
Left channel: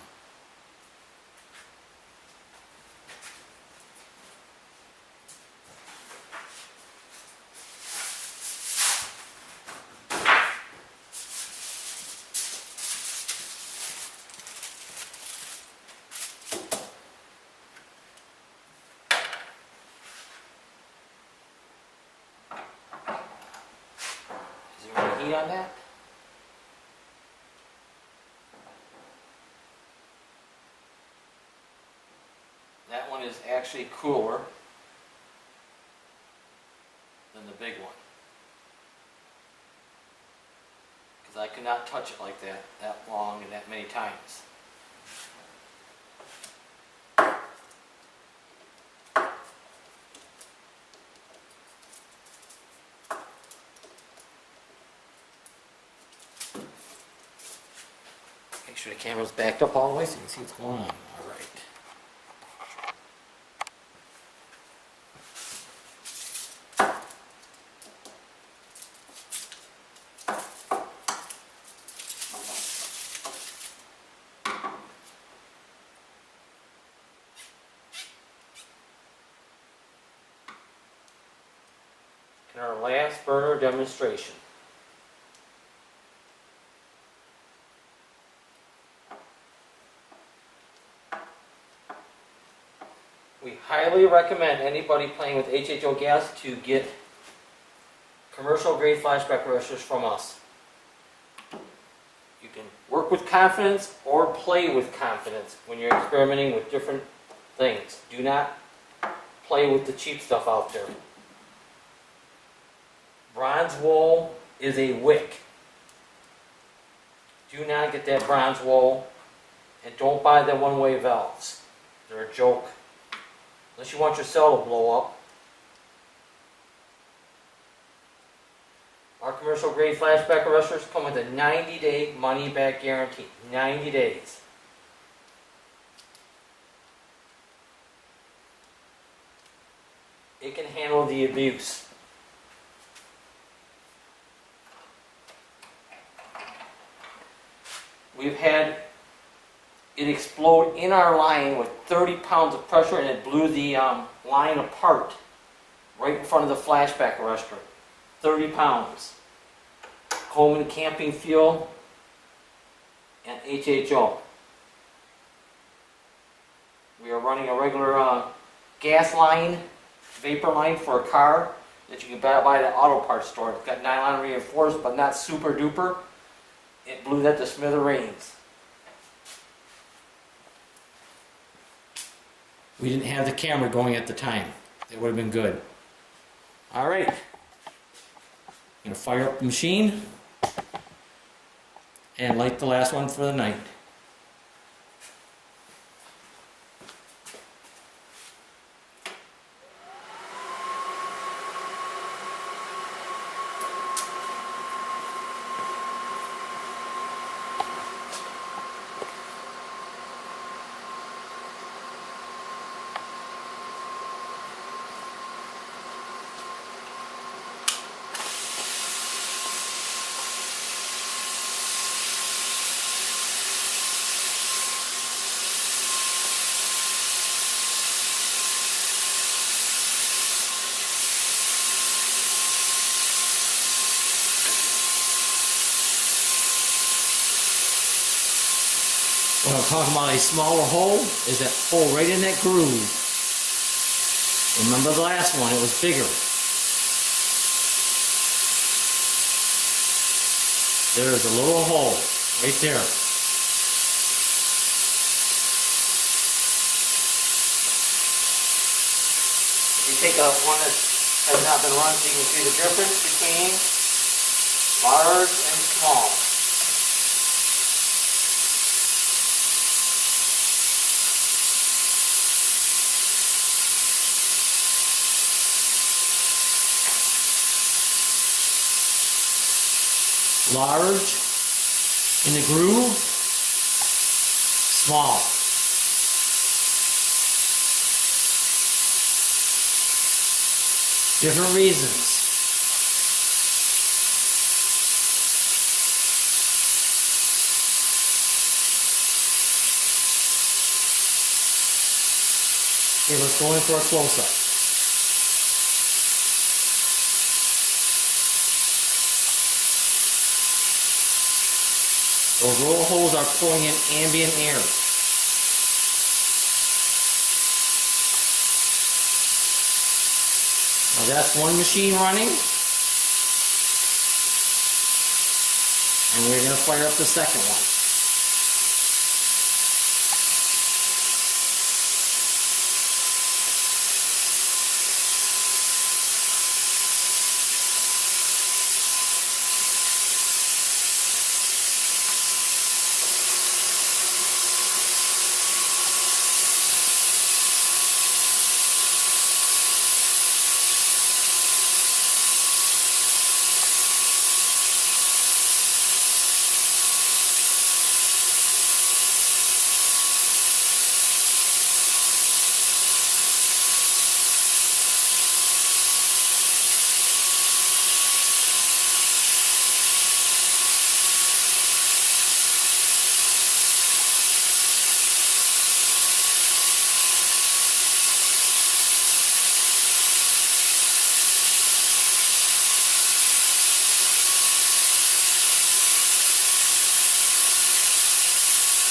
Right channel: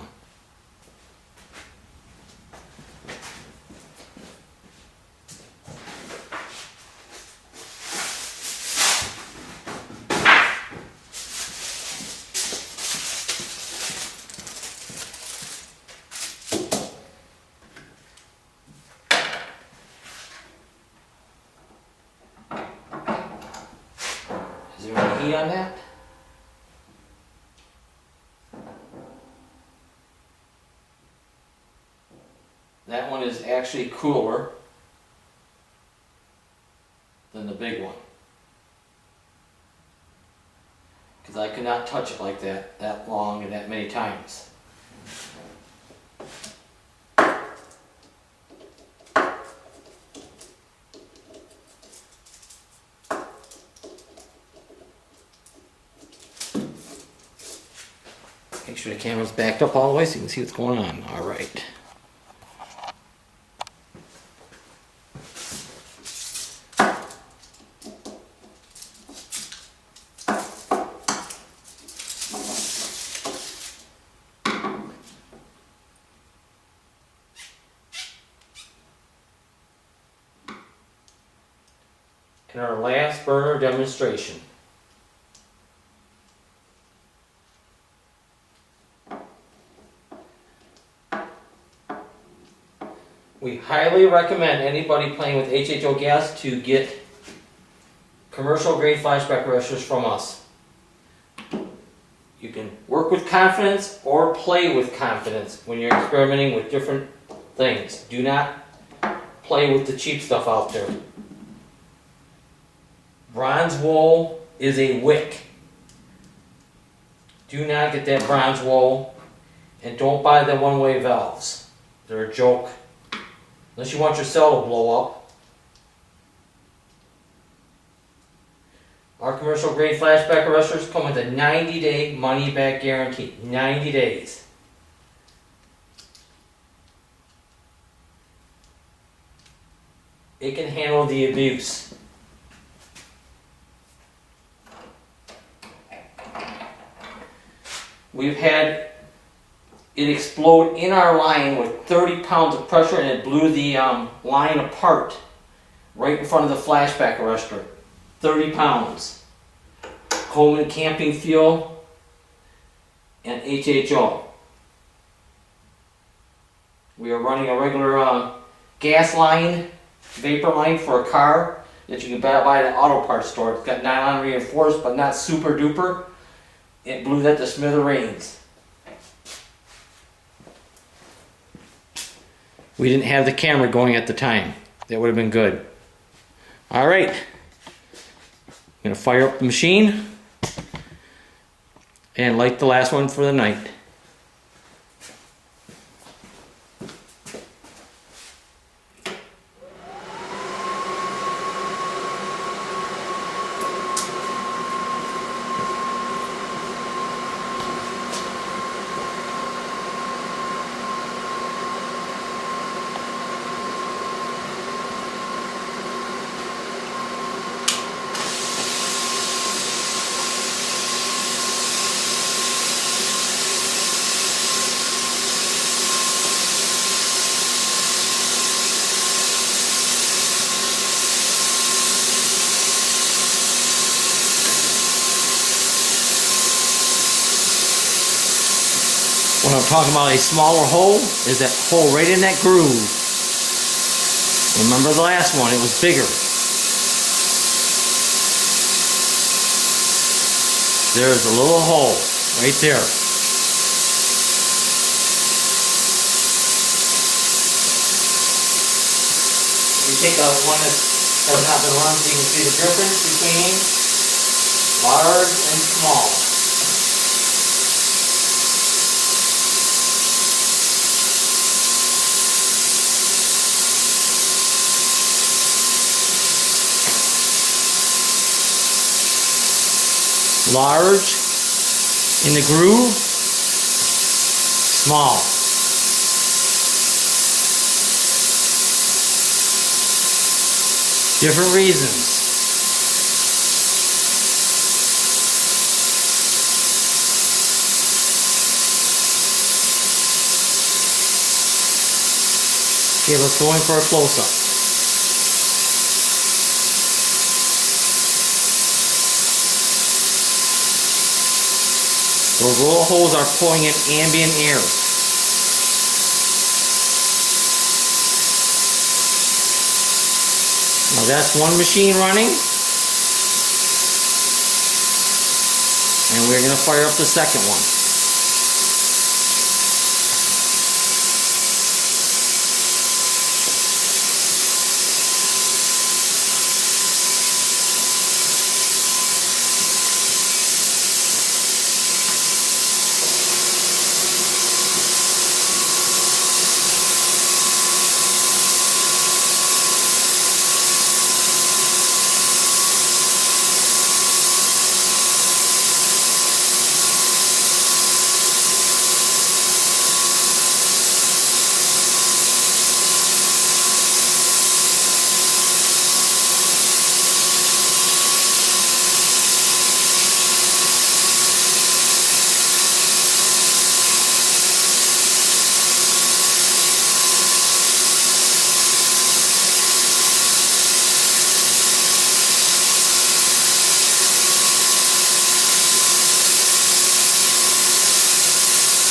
Is there any heat on that? That one is actually cooler than the big one. Because I could not touch it like that long and that many times. Make sure the camera's backed up all the way so you can see what's going on. All right. And our last burner demonstration. We highly recommend anybody playing with HHO gas to get commercial grade flashback arresters from us. You can work with confidence or play with confidence when you're experimenting with different things. Do not play with the cheap stuff out there. Bronze wool is a wick. Do not get that bronze wool, and don't buy the one-way valves. They're a joke. Unless you want your cell to blow up. Our commercial grade flashback arresters come with a 90-day money-back guarantee. 90 days. It can handle the abuse. We've had it explode in our line with 30 pounds of pressure, and it blew the line apart right in front of the flashback arrestor. 30 pounds. Coleman camping fuel and HHO. We are running a regular gas line, vapor line for a car that you can buy at an auto parts store. It's got nylon reinforced but not super duper. It blew that to smithereens. We didn't have the camera going at the time. That would have been good. Alright. I'm going to fire up the machine and light the last one for the night. When I'm talking about a smaller hole, is that hole right in that groove. Remember the last one, it was bigger. There's a little hole right there. If you take one that has not been run so you can see the difference between large and small. Large in the groove, small. Different reasons. Okay, let's go in for a close-up. Those roll holes are pulling in ambient air. Now that's one machine running. And we're going to fire up the second one.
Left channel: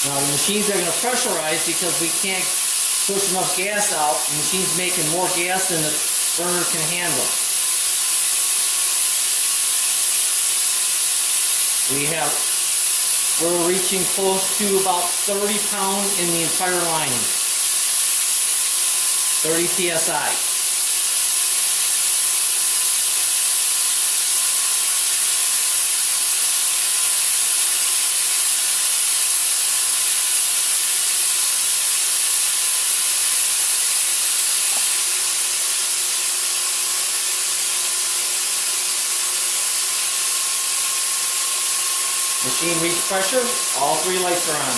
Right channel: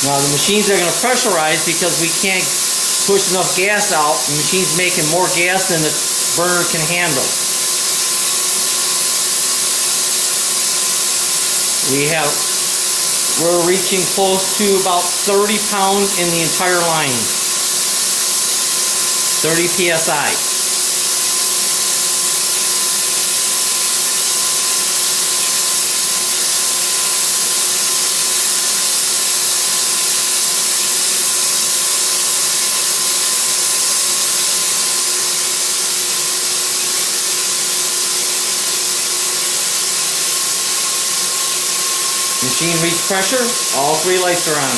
Now the machines are going to pressurize because we can't push enough gas out. The machine's making more gas than the burner can handle. We're reaching close to about 30 pounds in the entire line. 30 psi. Machine reach pressure, all three lights are on.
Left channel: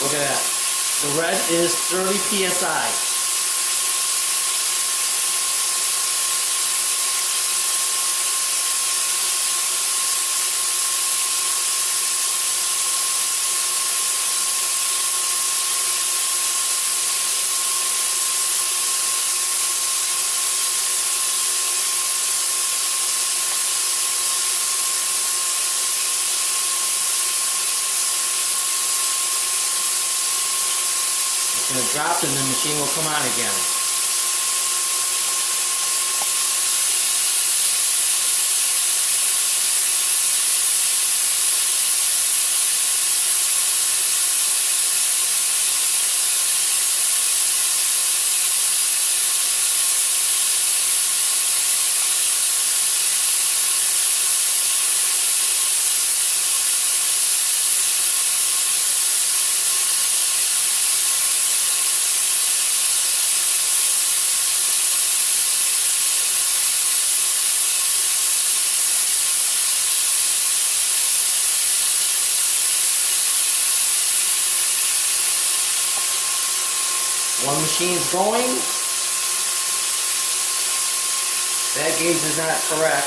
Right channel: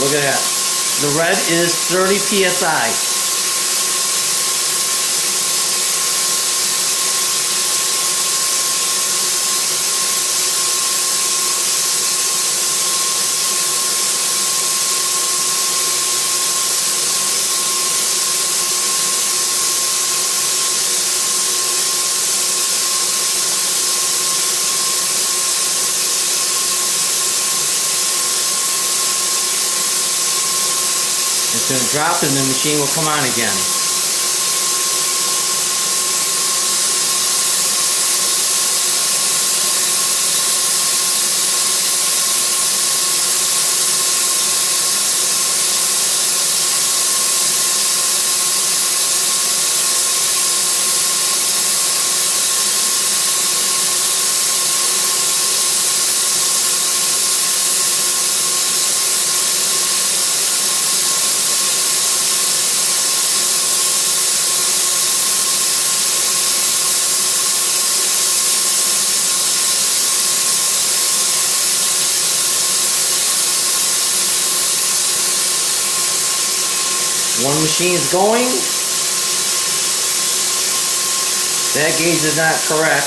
Look at that. The red is 30 psi. It's going to drop and the machine will come on again. One machine is going. That gauge is not correct.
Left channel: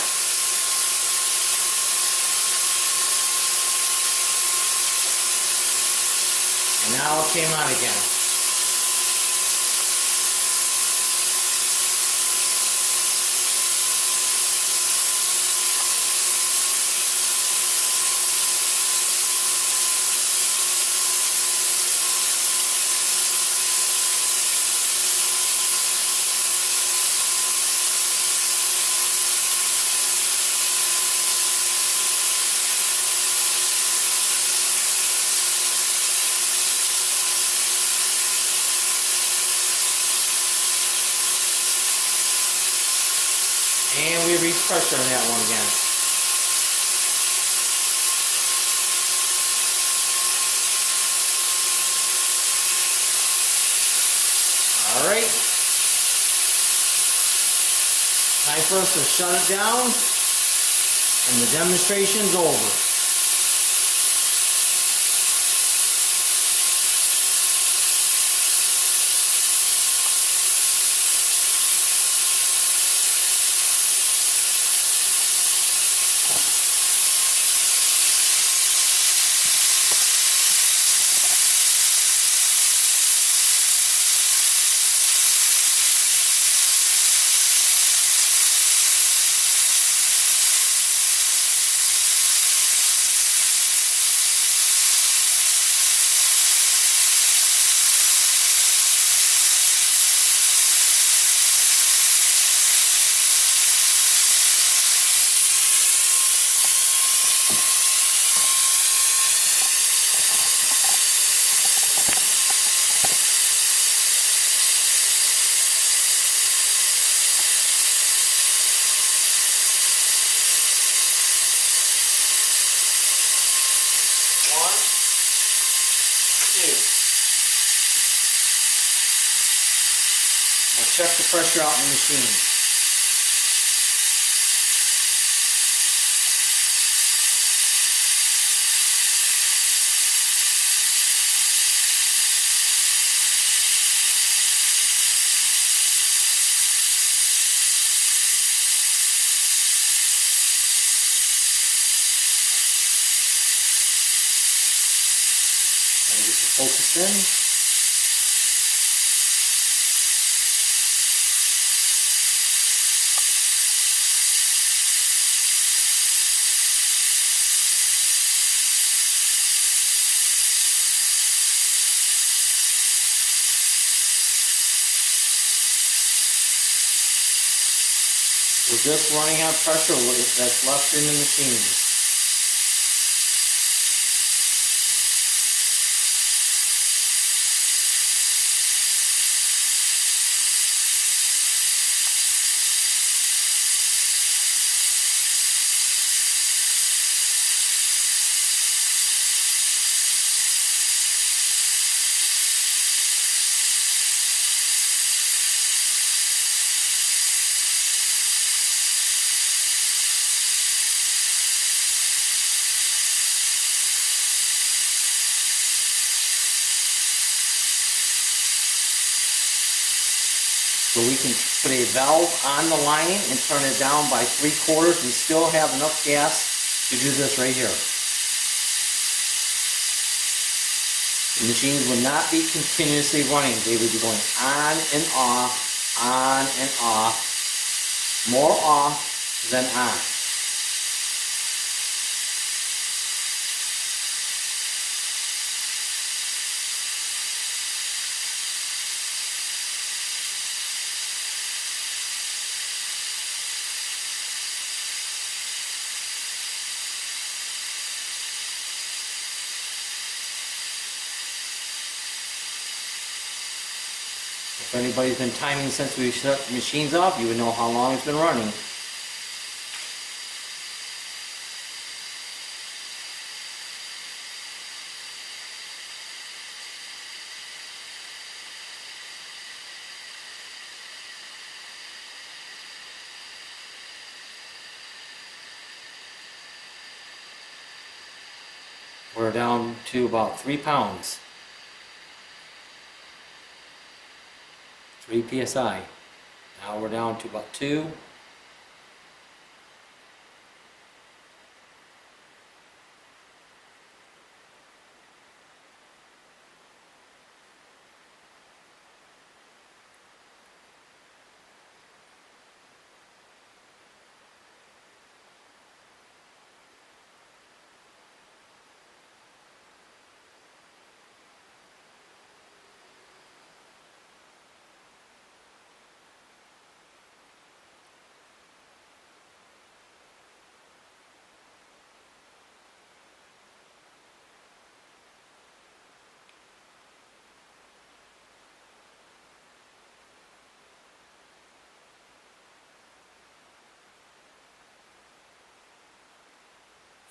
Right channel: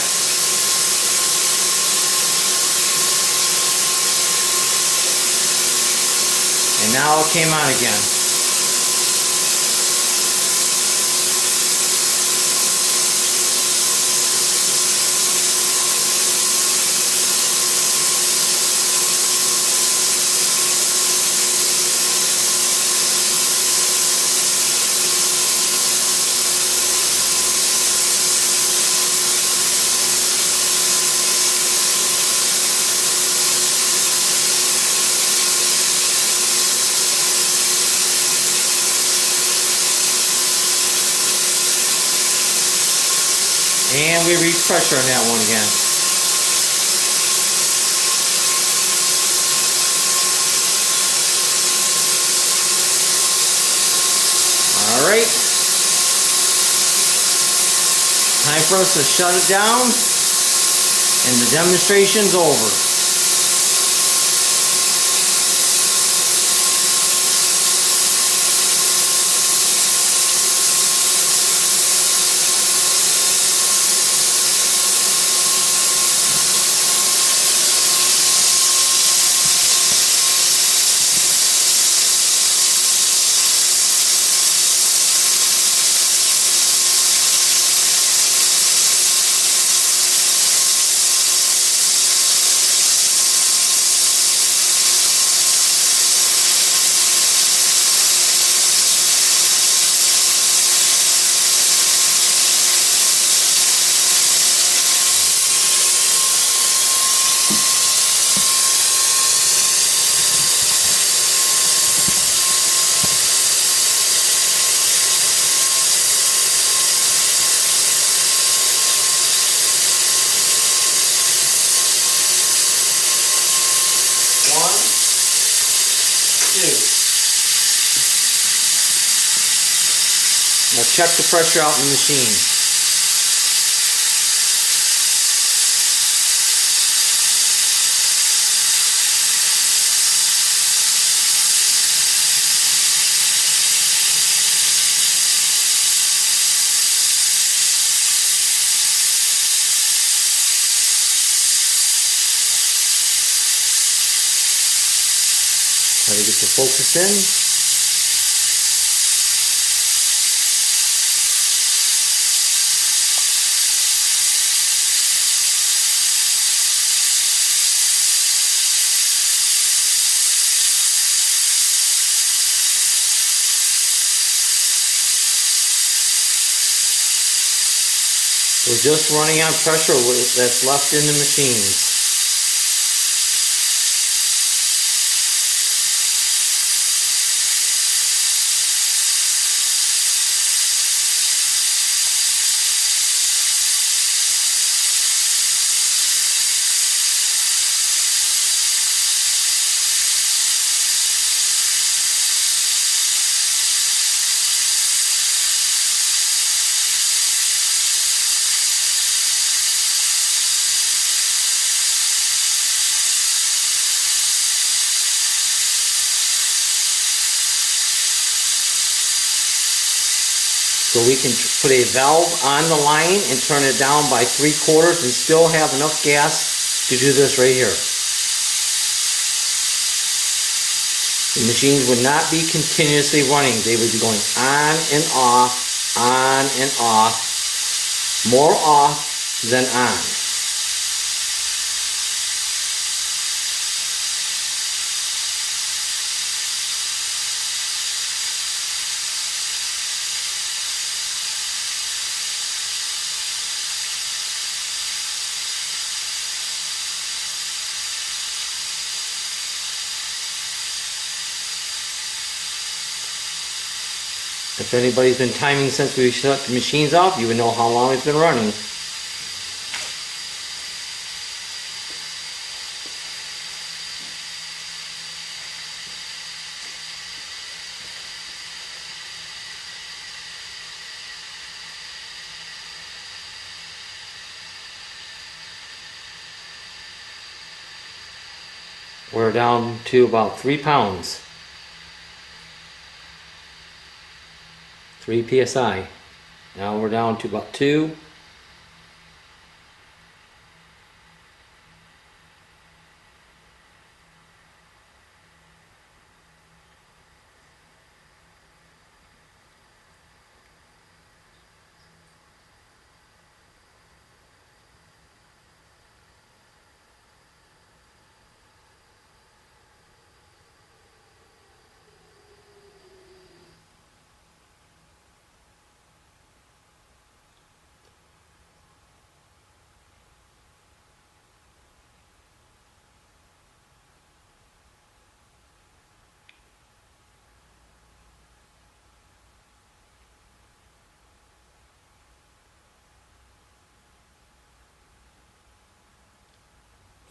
And now it came on again. And we reach pressure on that one again. Alright. Time for us to shut it down. And the demonstration's over. Now check the pressure out in the machine. Try to get the focus in. We're just running on pressure that's left in the machine. So we can put a valve on the line and turn it down by 3/4 and still have enough gas to do this right here. The machines would not be continuously running. They would be going on and off, more off than on. If anybody's been timing since we shut the machines off, you would know how long it's been running. We're down to about 3 pounds. 3 psi. Now we're down to about 2.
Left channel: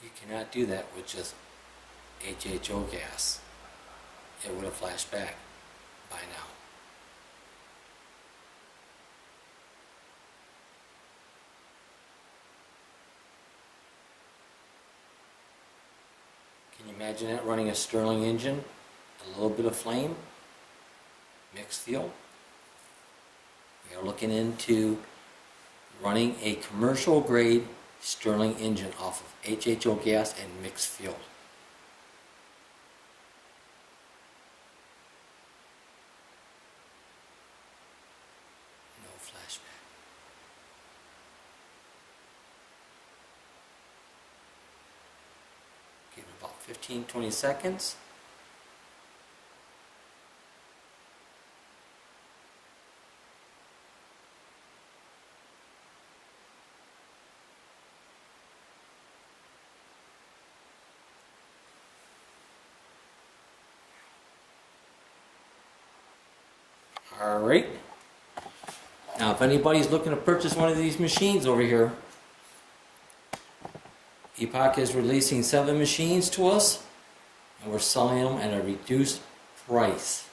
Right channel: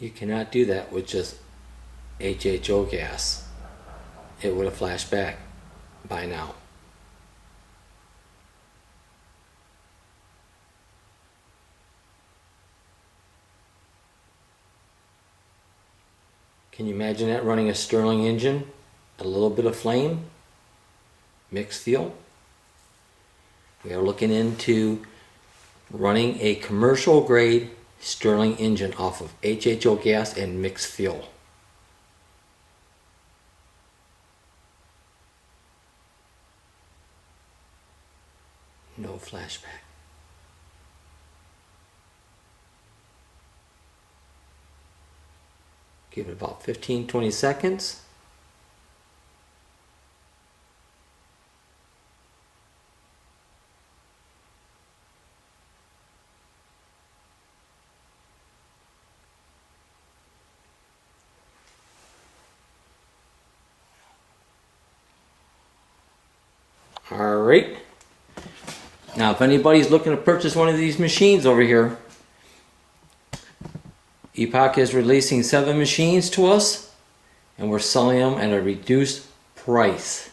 You cannot do that with just HHO gas. It would have flashed back by now. Can you imagine that running a Stirling engine? A little bit of flame, mixed fuel. We are looking into running a commercial grade Stirling engine off of HHO gas and mixed fuel. No flashback. Give it about 15-20 seconds. Alright, now if anybody's looking to purchase one of these machines over here, Epoch is releasing 7 machines to us and we're selling them at a reduced price.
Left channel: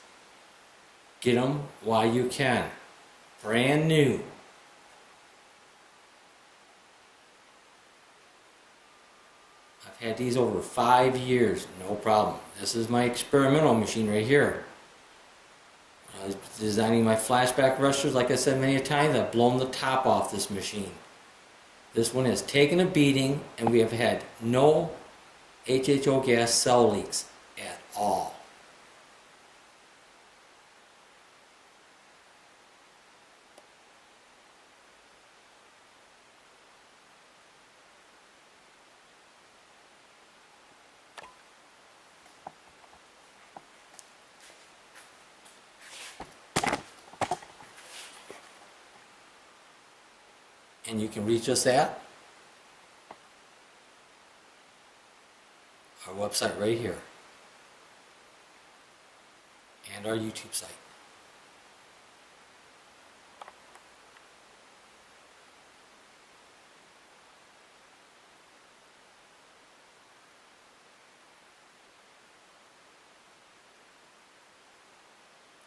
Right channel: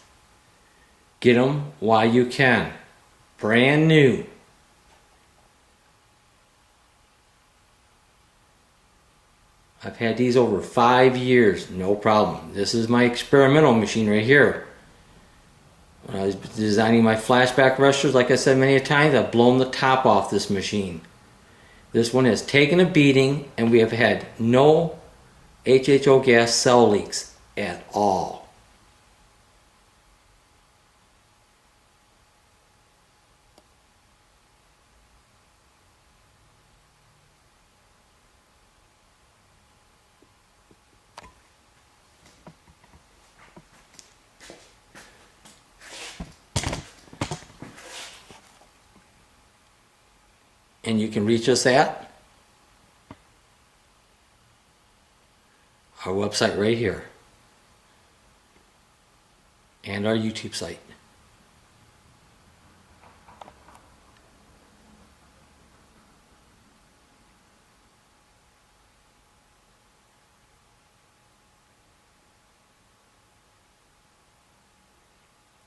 Get them while you can. brand new. I've had these over 5 years, no problem. This is my experimental machine right here. When I was designing my flashback rushers, like I said many times, I've blown the top off this machine. This one has taken a beating, and we have had no HHO gas cell leaks at all. And you can reach us at our website right here and our YouTube site.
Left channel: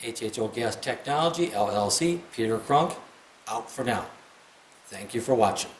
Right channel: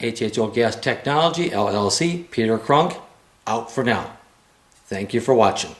HHO Gas Technology, LLC, Peter Crunk, out for now. Thank you for watching.